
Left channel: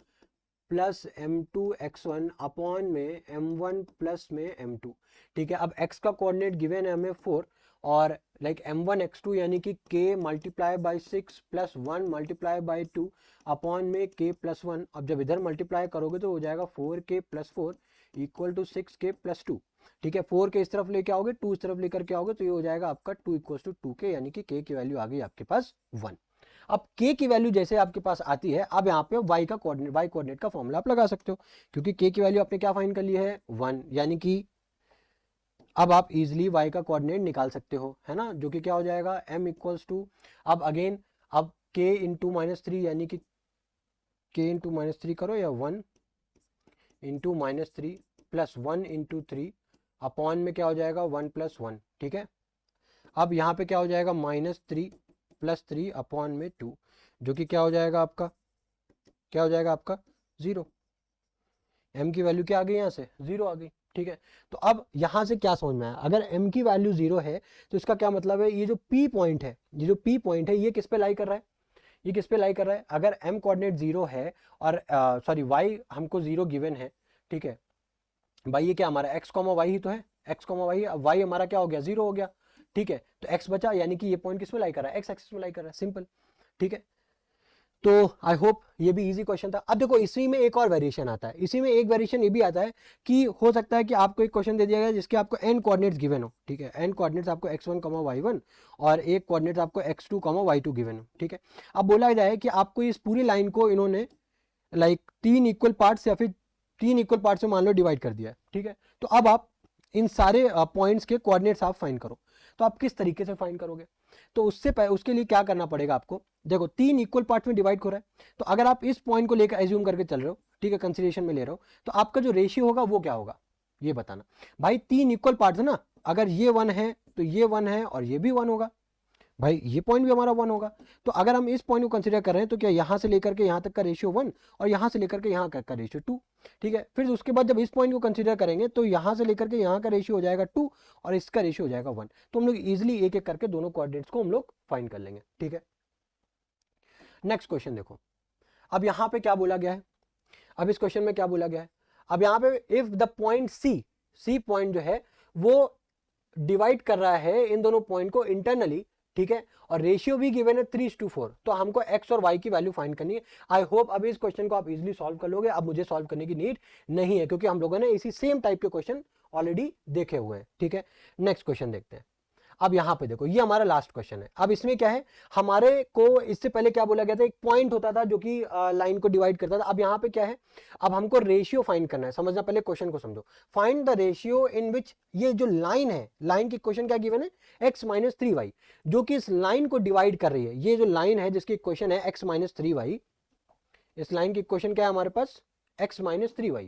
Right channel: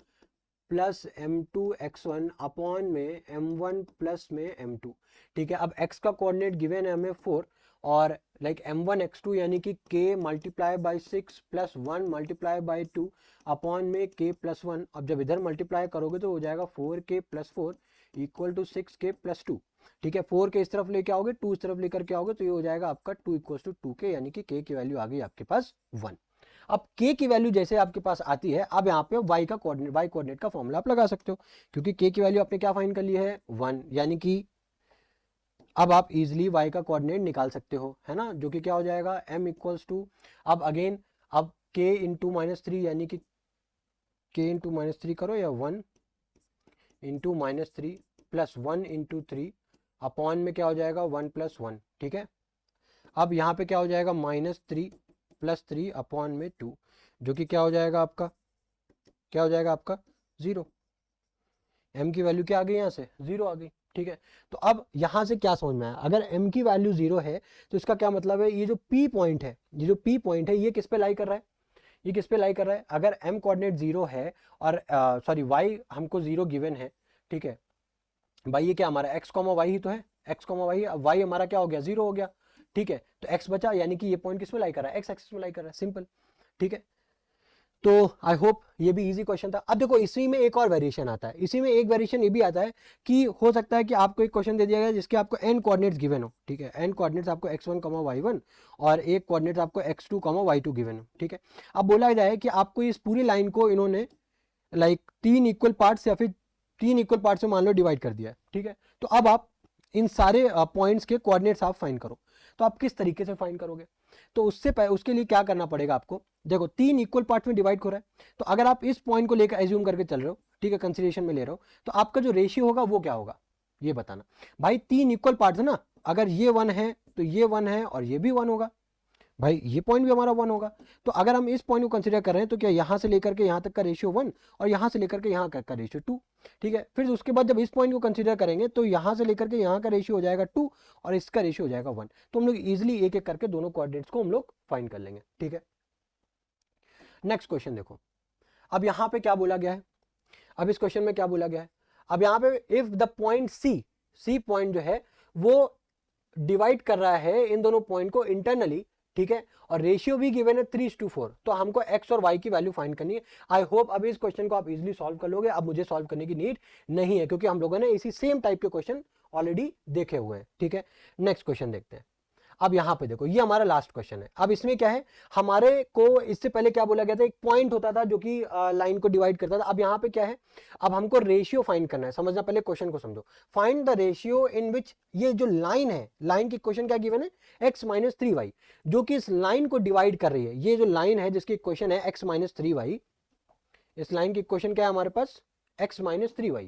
plus m2x1 upon में m1 प्लस में m2, ठीक है। अब x का कोऑर्डिनेट गिवन है हमें 4 और लाइक m1x2 यानी कि k multiply by 6 plus 1 multiply by 2 upon में k प्लस 1। अब जब इधर मल्टीप्लाई करोगे तो हो जाएगा 4k plus 4 equal to 6k plus 2, ठीक है। 4 के इस तरफ लेके आओगे 2 इस तरफ लेकर के आओगे तो ये हो जाएगा आपका 2 इक्वल टू 2k, यानी कि k की वैल्यू आ गई आपके पास 1। अब k की वैल्यू जैसे आपके पास आती है, अब यहाँ पे y का कोऑर्डिनेट, y कोऑर्डिनेट का फॉर्मूला आप लगा सकते हो, क्योंकि k की वैल्यू आपने क्या फाइंड कर ली है 1, यानी कि अब आप इजीली y का कोऑर्डिनेट निकाल सकते हो, है ना, जो कि क्या हो जाएगा m इक्वल्स टू, अब अगेन अब k इंटू -3 यानी कि k इंटू -3 करो या 1 इंटू -3 प्लस 1 इंटू 3 अपॉन में क्या हो जाएगा 1 + 1, ठीक है। अब यहाँ पे क्या हो जाएगा -3 प्लस 3 अपॉन में 2, जो कि क्या हो जाएगा आपका, क्या हो जाएगा आपका 0। m की वैल्यू क्या आ गई, यहाँ से 0 आ गई, ठीक है। तो अब यहाँ से क्या समझ में आया, अगर m की वैल्यू 0 है तो इसका क्या मतलब है, ये जो p पॉइंट है, ये जो p पॉइंट है ये किस पे लाई कर रहा है, ये किस पे लाई कर रहा है, अगर m कोऑर्डिनेट 0 है और सॉरी y हमको 0 गिवन है, ठीक है। भाई ये क्या हमारा x, y ही तो है, x, y, अब y हमारा क्या हो गया 0 हो गया, ठीक है, तो x बचा, यानी कि ये पॉइंट किस में लाई कर रहा है, x एक्सिस में लाई कर रहा है, सिंपल। ठीक है, तो आई होप ये भी इजी क्वेश्चन था। अब देखो इसी में एक और वेरिएशन आता है, इसी में एक वेरिएशन ये भी आता है कि हो सकता है कि आपको एक क्वेश्चन दे दिया गया जिसके आपको n कोऑर्डिनेट्स गिवन हो, ठीक है, n कोऑर्डिनेट्स आपको x1, y1 और एक कोऑर्डिनेट्स आपको x2, y2 गिवन हो, ठीक है। अब बोला जाए कि आपको इस पूरी लाइन को इन्होंने लाइक तीन इक्वल पार्ट्स या फिर तीन इक्वल पार्ट्स में मान लो डिवाइड कर दिया है, ठीक है। तो अब आप इन सारे पॉइंट्स के कोऑर्डिनेट्स आप फाइंड करो, तो आप किस तरीके से फाइंड करोगे, तो उसके लिए क्या करना पड़ेगा आपको, देखो तीन इक्वल पार्ट में डिवाइड हो रहा है, तो अगर आप इस पॉइंट को लेकर एज्यूम करके चल रहे हो, ठीक है, कंसीडरेशन में ले रहे हो, तो आपका जो रेशियो होगा वो क्या होगा, ये बताना। भाई तीन इक्वल पार्ट है ना, अगर ये 1 है तो ये 1 है और ये भी 1 होगा, भाई ये पॉइंट भी हमारा 1 होगा। तो अगर हम इस पॉइंट को कंसीडर कर रहे हैं तो क्या यहाँ से लेकर के यहाँ तक का रेशियो 1 और यहाँ से लेकर के यहाँ तक का रेशियो 2, ठीक है। फिर उसके बाद जब इस पॉइंट को कंसीडर करेंगे तो यहाँ से लेकर के यहाँ का रेशियो हो जाएगा 2 और इसका रेशियो हो जाएगा 1। तो हम लोग इजिली एक एक करके दोनों कोऑर्डिनेट्स को हम लोग फाइंड कर लेंगे, ठीक है। नेक्स्ट क्वेश्चन देखो, अब यहाँ पे क्या बोला गया है, अब इस क्वेश्चन में क्या बोला गया है, अब यहाँ पे if the point C point जो है वो डिवाइड कर रहा है इन दोनों पॉइंट को इंटरनली, ठीक है, और रेशियो भी गिवन है 3:4, तो हमको x और y की वैल्यू फाइंड करनी है। आई होप अब इस क्वेश्चन को आप इजीली सॉल्व कर लोगे, अब मुझे सॉल्व करने की नीड नहीं है क्योंकि हम लोगों ने इसी सेम टाइप के क्वेश्चन ऑलरेडी देखे हुए हैं, ठीक है। नेक्स्ट क्वेश्चन देखते हैं। अब यहाँ पे देखो ये हमारा लास्ट क्वेश्चन है। अब इसमें क्या है, हमारे को इससे पहले क्या बोला गया था, एक पॉइंट होता था जो कि लाइन को डिवाइड करता था। अब यहाँ पे क्या है, अब हमको रेशियो फाइंड करना है। समझना, पहले क्वेश्चन को समझो। फाइंड द रेशियो इन विच, ये जो लाइन है, लाइन की क्वेश्चन क्या गिवन है, x माइनस 3y, जो कि इस लाइन को डिवाइड कर रही है। ये जो लाइन है जिसकी क्वेश्चन है x माइनस 3y, इस लाइन की क्वेश्चन क्या है हमारे पास, x minus 3y,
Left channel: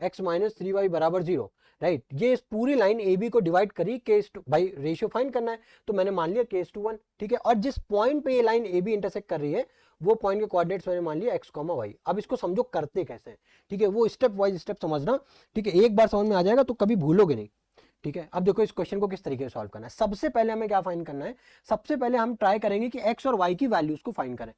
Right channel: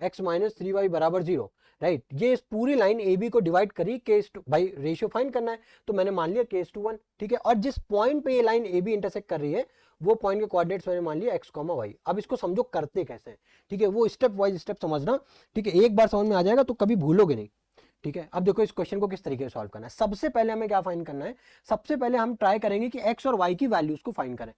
x minus 3y बराबर 0, राइट। ये इस पूरी लाइन ए बी को डिवाइड करी केस टू, भाई रेशियो फाइंड करना है तो मैंने मान लिया केस/1, ठीक है। और जिस पॉइंट पे ये लाइन ए बी इंटरसेक्ट कर रही है वो पॉइंट के कोऑर्डिनेट्स मैंने मान लिया x, y। अब इसको समझो करते कैसे हैं, ठीक है, वो स्टेप वाइज स्टेप समझना, ठीक है। एक बार समझ में आ जाएगा तो कभी भूलोगे नहीं, ठीक है। अब देखो इस क्वेश्चन को किस तरीके से सॉल्व करना है। सबसे पहले हमें क्या फाइंड करना है, सबसे पहले हम ट्राई करेंगे कि x और y की वैल्यूज को फाइंड करें।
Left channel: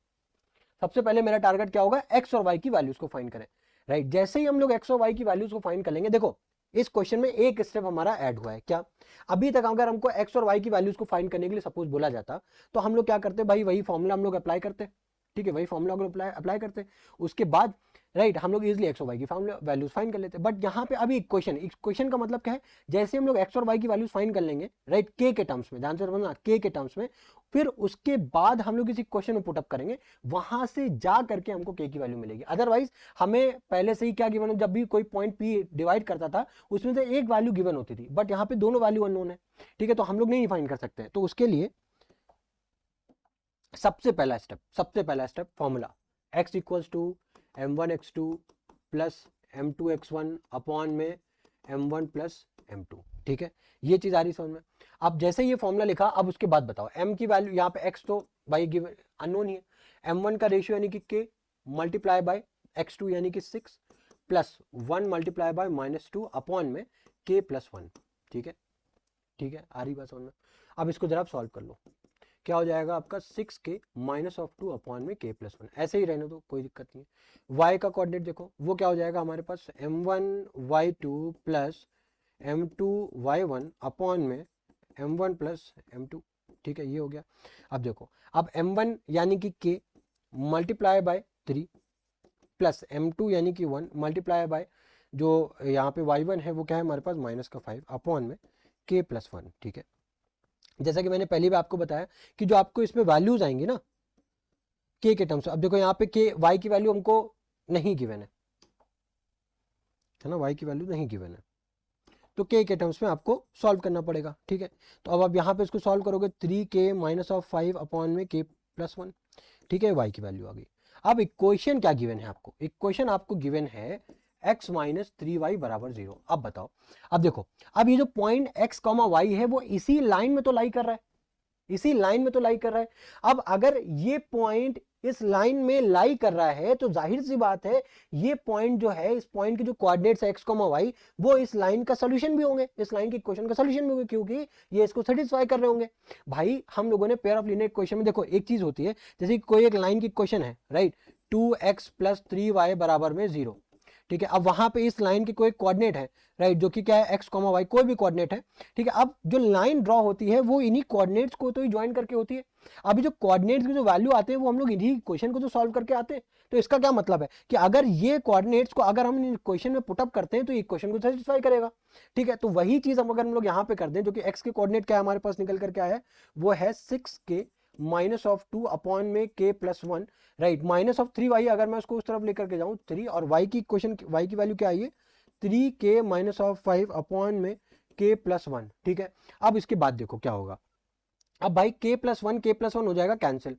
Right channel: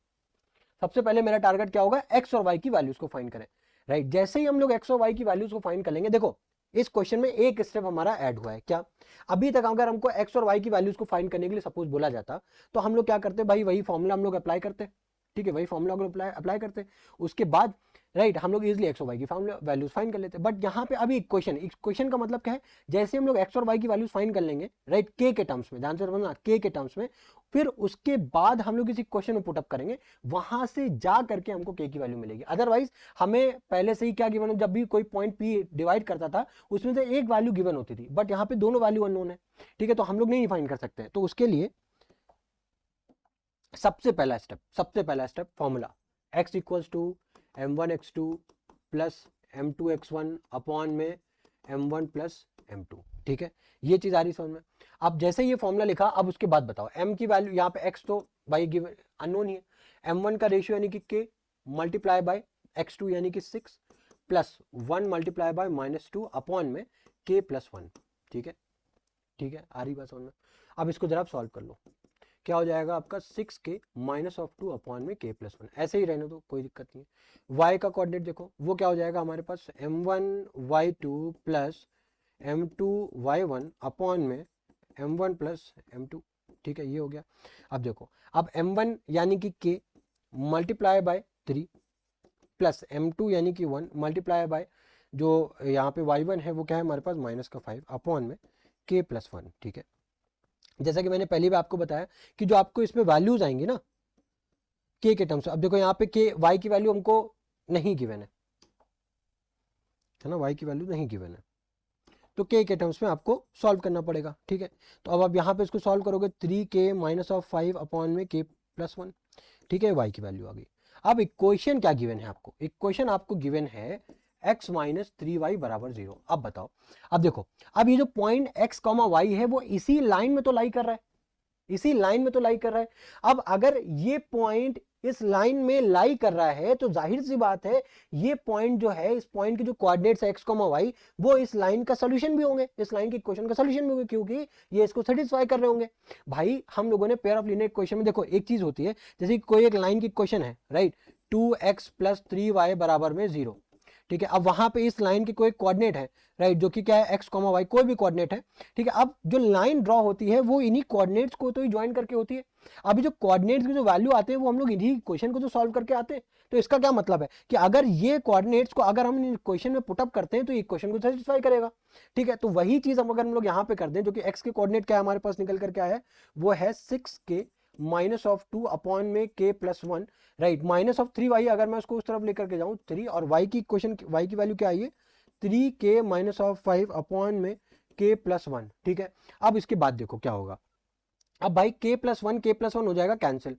सबसे पहले मेरा टारगेट क्या होगा, x और y की वैल्यूज को फाइंड करें, राइट। जैसे ही हम लोग x और y की वैल्यूज को फाइंड कर लेंगे, देखो इस क्वेश्चन में एक स्टेप हमारा ऐड हुआ है। क्या, अभी तक अगर हमको x और y की वैल्यूज को फाइंड करने के लिए सपोज बोला जाता तो हम लोग क्या करते, भाई वही फॉर्मूला हम लोग अप्लाई करते, ठीक है, वही फॉर्मूला हम लोग अप्लाई करते, उसके बाद राइट हम लोग इजिली x और y की वैल्यूज फाइंड कर लेते। बट यहाँ पे अभी एक क्वेश्चन का मतलब क्या है, जैसे हम लोग x और y की वैल्यूज फाइंड कर लेंगे, राइट, k के टर्म्स में, आंसर बोलना k के टर्म्स में, फिर उसके बाद हम लोग इस क्वेश्चन को पुट अप करेंगे, वहां से जा करके हमको k की वैल्यू मिलेगी। अदरवाइज हमें पहले से ही क्या गिवन है, जब भी कोई पॉइंट p डिवाइड करता था उसमें से एक वैल्यू गिवन होती थी, बट यहाँ पे दोनों वैल्यू अननोन है, ठीक है, तो हम लोग नहीं फाइंड कर सकते। तो उसके लिए सबसे पहला step formula x equals to m1x2 plus m2x1 upon में m1 प्लस m2, ठीक है, ये चीज आ रही समझ में। अब जैसे ये फॉर्मूला लिखा, अब उसके बाद बताओ m की वैल्यू, यहाँ पे x तो भाई गिवन अननोन ही है, m1 का रेशियो यानी कि k मल्टीप्लाई बाय x2 यानी कि 6 प्लस 1 मल्टीप्लाई बाय -2 अपॉन में k प्लस 1, ठीक है, ठीक है, आ रही बात समझ में। अब इसको जरा सॉल्व कर लो, क्या हो जाएगा आपका 6k -2 अपॉन में k प्लस 1, ऐसे ही रहने दो, कोई दिक्कत नहीं है। y का कोऑर्डिनेट देखो, वो क्या हो जाएगा हमारे पास, m1y2 प्लस m2y1 अपॉन में m1 प्लस m2, ठीक है, ये हो गया। अब देखो, अब m1 यानी कि k multiply by 3 plus m2 यानी कि 1 मल्टीप्लाई बाय जो यहाँ पे y1 है वो क्या है हमारे पास -5 अपॉन में k प्लस 1, ठीक है। जैसा कि मैंने पहले भी आपको बताया कि जो आपको इसमें वैल्यूज आएंगी ना k के टर्म्स, अब देखो यहाँ पे k y की वैल्यू हमको नहीं गिवन है ना, y की वैल्यू नहीं गिवन है, तो k के टर्म्स में आपको सॉल्व करना पड़ेगा, ठीक है। तो अब आप यहाँ पे इसको सॉल्व करोगे 3k -5 अपॉन में k प्लस 1, ठीक है, y की वैल्यू आ गई। अब इक्वेशन क्या गिवन है आपको, इक्वेशन आपको गिवन है x माइनस 3y बराबर 0। अब बताओ, अब देखो, अब ये जो पॉइंट x, y है वो इसी लाइन में तो लाई कर रहा है, इसी लाइन में तो लाई कर रहा है। अब अगर ये पॉइंट इस लाइन में लाई कर रहा है तो जाहिर सी बात है ये पॉइंट जो है, इस पॉइंट के जो कोऑर्डिनेट्स है x, y, वो इस लाइन का सॉल्यूशन भी होंगे, इस लाइन की इक्वेशन का सॉल्यूशन भी होंगे, क्योंकि ये इसको सेटिस्फाई कर रहे होंगे। भाई हम लोगों ने पेयर ऑफ लीनियर इक्वेशन में देखो एक चीज होती है, जैसे कोई एक लाइन की इक्वेशन है, राइट, 2x प्लस 3y बराबर में 0, ठीक है। अब वहां पे इस लाइन के कोई कोऑर्डिनेट है, राइट, जो कि क्या है x, y, कोई भी कोऑर्डिनेट है, ठीक है। अब जो लाइन ड्रॉ होती है वो इन्हीं कोऑर्डिनेट्स को तो ही ज्वाइन करके होती है। अभी जो कोऑर्डिनेट्स की जो वैल्यू आते हैं वो हम लोग इन्हीं क्वेश्चन को तो सॉल्व करके आते हैं। तो इसका क्या मतलब है कि अगर ये कोऑर्डिनेट्स को अगर हम क्वेश्चन में पुटअप करते हैं तो ये क्वेश्चन को सेटिस्फाई करेगा, ठीक है। तो वही चीज हम अगर हम लोग यहाँ पे कर दें, जो कि x के कोऑर्डिनेट क्या है हमारे पास निकल करके आया है, वो है 6k माइनस ऑफ 2 अपॉन में k plus 1, right, minus of 3y, अगर मैं उसको उस तरफ लेकर के जाऊं 3, और y की क्वेश्चन y की वैल्यू क्या आई है 3k माइनस ऑफ 5 अपॉन में k प्लस 1, ठीक है। अब इसके बाद देखो क्या होगा, अब भाई k प्लस वन हो जाएगा कैंसिल,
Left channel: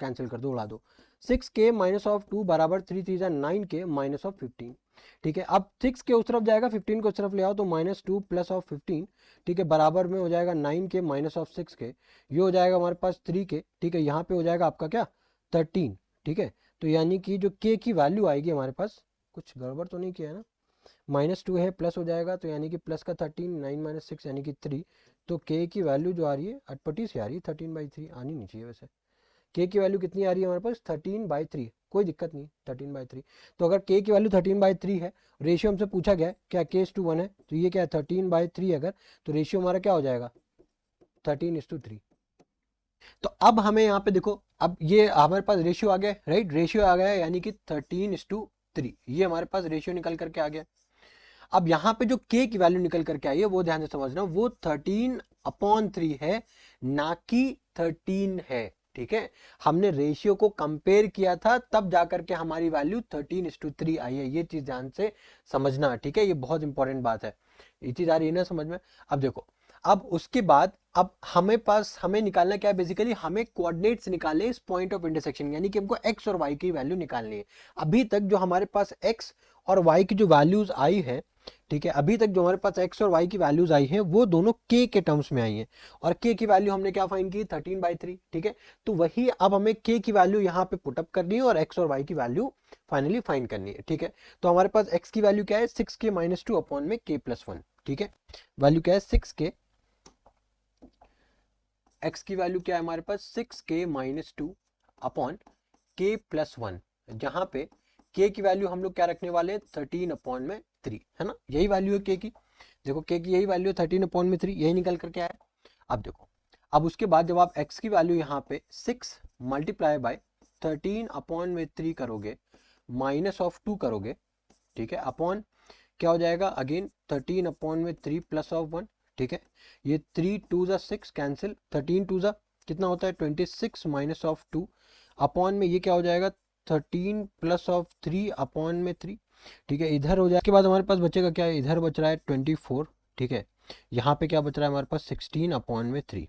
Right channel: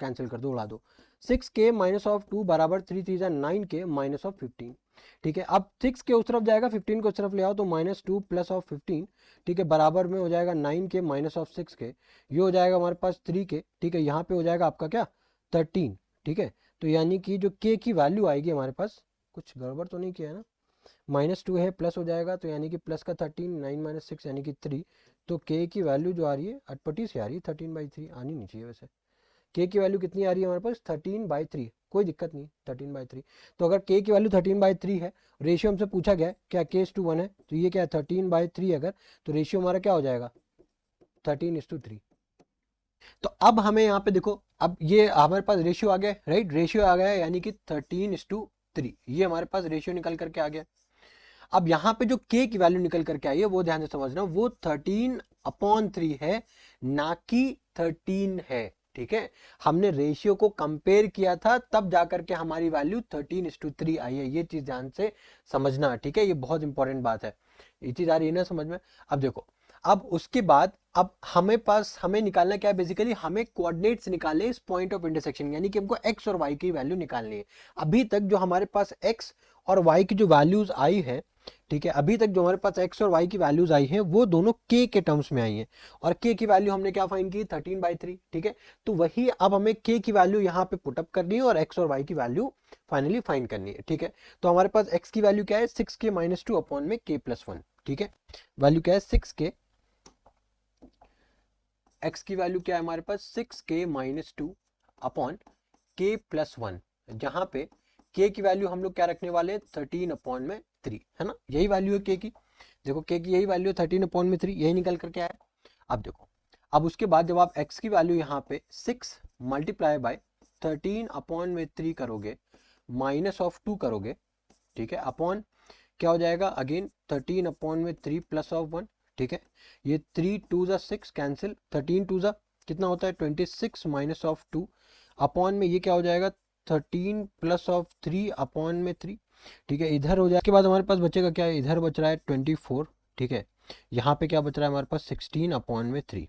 कैंसिल कर दो, उड़ा दो। 6k माइनस ऑफ 2 बराबर 3 3 9k माइनस ऑफ 15, ठीक है। अब 6 के उस तरफ जाएगा, 15 को उस तरफ ले आओ तो माइनस 2 प्लस ऑफ 15, ठीक है, बराबर में हो जाएगा 9k माइनस ऑफ 6k, ये हो जाएगा हमारे पास 3k, ठीक है। यहाँ पे हो जाएगा आपका क्या 13, ठीक है। तो यानी कि जो k की वैल्यू आएगी हमारे पास, कुछ गड़बड़ तो नहीं किया है ना, -2 है, प्लस हो जाएगा, तो यानी कि प्लस का 13, 9 माइनस 6 यानी कि 3, तो k की वैल्यू जो आ रही है अटपटी से आ रही है 13/3, आनी नहीं चाहिए वैसे। k की वैल्यू कितनी आ रही है हमारे पास 13/3, कोई दिक्कत नहीं 13/3। तो अगर k की वैल्यू 13/3 है, रेशियो हमसे पूछा गया है क्या k:1 है, तो ये क्या है 13/3, अगर तो रेशियो हमारा क्या हो जाएगा 13:3। तो अब हमें यहाँ पे देखो, अब ये हमारे पास रेशियो आ गया, राइट, रेशियो आ गया है, यानी कि 13:3, ये हमारे पास रेशियो निकल करके आ गया। अब यहाँ पे जो k की वैल्यू निकल करके आई है वो ध्यान से समझना, वो 13/3 है, ना कि 13 है, ठीक है। हमने रेशियो को कंपेयर किया था तब जाकर के हमारी वैल्यू 13:3 आई है, ये चीज ध्यान से समझना, ठीक है, ये बहुत इंपॉर्टेंट बात है, ये चीज आ रही है ना समझ में। अब देखो, अब उसके बाद अब हमें निकालना क्या है, बेसिकली हमें कोऑर्डिनेट्स निकाले इस पॉइंट ऑफ इंटरसेक्शन, यानी कि हमको x और y की वैल्यू निकालनी है। अभी तक जो हमारे पास x और y की जो वैल्यूज आई है, ठीक है, अभी तक जो हमारे पास x और y की वैल्यूज आई हैं वो दोनों k के टर्म्स में आई हैं, और k की वैल्यू हमने क्या फाइंड की 13/3, ठीक है। तो वही अब हमें k की वैल्यू यहाँ पे पुटअप करनी है और x और y की वैल्यू फाइनली फाइंड करनी है, ठीक है। तो हमारे पास x की वैल्यू क्या है 6k माइनस 2 अपॉन में k प्लस 1, ठीक है। वैल्यू क्या है 6k, x की वैल्यू क्या है हमारे पास 6k minus 2 upon k plus 1, जहां पे k की वैल्यू हम लोग क्या रखने वाले हैं 13/3, है ना, यही वैल्यू है k की, देखो k की यही वैल्यू है 13/3, यही निकल करके आया। अब देखो, अब उसके बाद जब आप x की वैल्यू यहाँ पे 6 मल्टीप्लाई बाय 13/3 करोगे, माइनस ऑफ 2 करोगे, ठीक है, अपॉन क्या हो जाएगा अगेन 13/3 प्लस ऑफ 1, ठीक है। ये 3 2 6 कैंसिल, 13 2 कितना होता है 26 माइनस ऑफ 2 अपॉन में ये क्या हो जाएगा 13 प्लस ऑफ 3 अपॉन में 3, ठीक है, इधर हो जाएगा। इसके बाद हमारे पास बचेगा क्या है, इधर बच रहा है 24, ठीक है, यहाँ पे क्या बच रहा है हमारे पास 16 अपॉन में 3।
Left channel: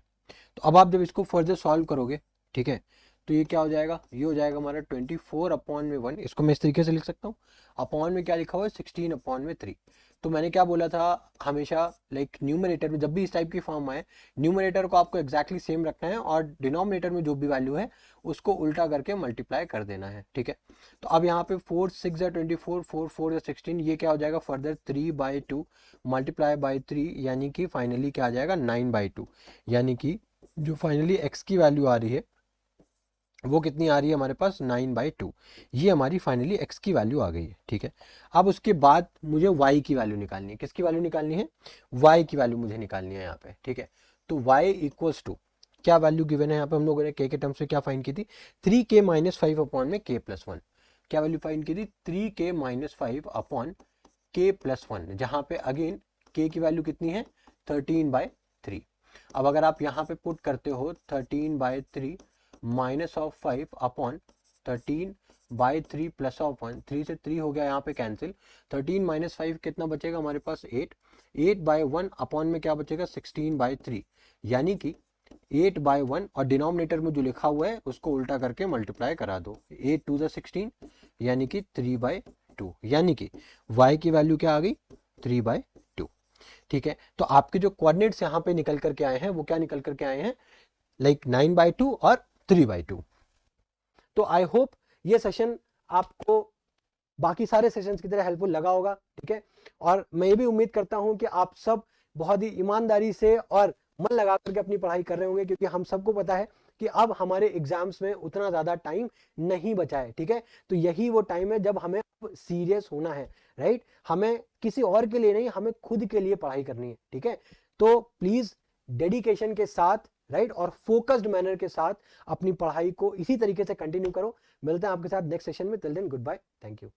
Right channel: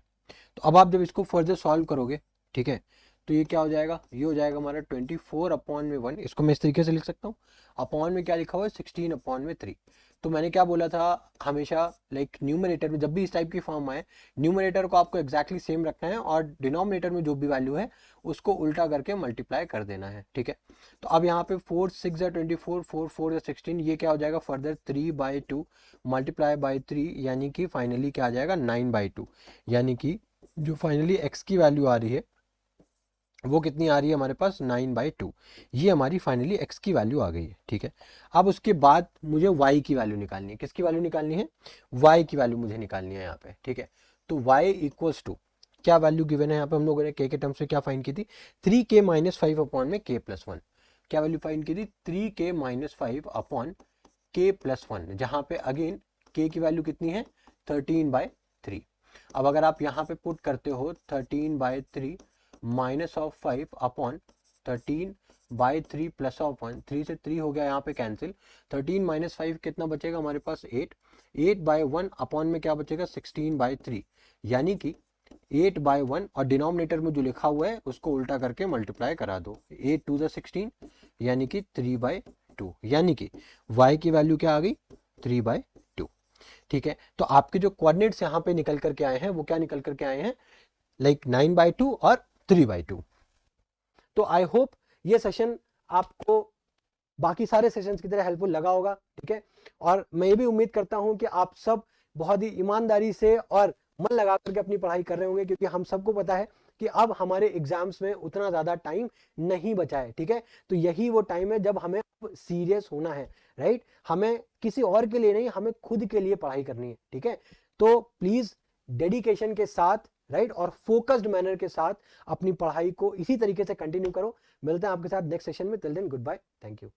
तो अब आप जब इसको फर्दर सॉल्व करोगे, ठीक है, तो ये क्या हो जाएगा, ये हो जाएगा हमारा 24/1, इसको मैं इस तरीके से लिख सकता हूँ, अपॉन में क्या लिखा हुआ है 16/3। तो मैंने क्या बोला था, हमेशा लाइक न्यूमरेटर में जब भी इस टाइप की फॉर्म आए, न्यूमरेटर को आपको एग्जैक्टली सेम रखना है और डिनोमिनेटर में जो भी वैल्यू है उसको उल्टा करके मल्टीप्लाई कर देना है, ठीक है। तो अब यहाँ पे 4 6 24, 4 4 16, ये क्या हो जाएगा फर्दर 3/2 मल्टीप्लाई बाई 3, यानी कि फाइनली क्या आ जाएगा 9/2, यानी कि जो फाइनली x की वैल्यू आ रही है वो कितनी आ रही है हमारे पास 9/2, ये हमारी फाइनली x की वैल्यू आ गई है, ठीक है। अब उसके बाद मुझे y की वैल्यू निकालनी है, किसकी वैल्यू निकालनी है, y की वैल्यू मुझे निकालनी है यहाँ पे, ठीक है। तो y इक्वल्स टू क्या वैल्यू गिवन है यहाँ पे, हम लोगों ने k के टर्म्स में क्या फाइंड की थी 3k माइनस 5 अपॉन में k प्लस 1, क्या वैल्यू फाइंड की थी 3k minus 5 upon k plus 1, जहाँ पे अगेन k की वैल्यू कितनी है 13/3। अब अगर आप यहाँ पे पुट करते हो 13/3 minus of 5 upon 13/3 plus of 1, 3 से 3 हो गया यहाँ पे कैंसिल, 13 माइनस 5 कितना बचेगा हमारे पास 8, 8/1 अपॉन में क्या बचेगा 16/3, यानी कि 8/1, और डिनोमिनेटर में जो लिखा हुआ है उसको उल्टा करके मल्टीप्लाई करा दो, 8 2 16, यानी कि 3/2, यानी कि y की वैल्यू क्या आ गई 3/2, ठीक है। तो आपके जो कोऑर्डिनेट्स यहाँ पे निकल करके आए हैं वो क्या निकल करके आए हैं लाइक 9/2 और 3/2। तो आई होप ये सेशन आपको बाकी सारे सेशंस की तरह हेल्पफुल लगा होगा, ठीक है। और मैं ये भी उम्मीद करता हूं कि आप सब बहुत ही ईमानदारी से और मन लगा करके अपनी पढ़ाई कर रहे होंगे, क्योंकि हम सबको पता है कि अब हमारे एग्जाम्स में उतना ज्यादा टाइम नहीं बचा है, ठीक है। तो यही वो टाइम है जब हमें सीरियस होना है, राइट। हमें किसी और के लिए नहीं, हमें खुद के लिए पढ़ाई करनी है, ठीक है। तो प्लीज डेडिकेशन के साथ, राइट, और फोकस्ड मैनर के साथ अपनी पढ़ाई को इसी तरीके से कंटिन्यू करो। मिलते हैं आपके साथ नेक्स्ट सेशन में। Till then good bye, thank you.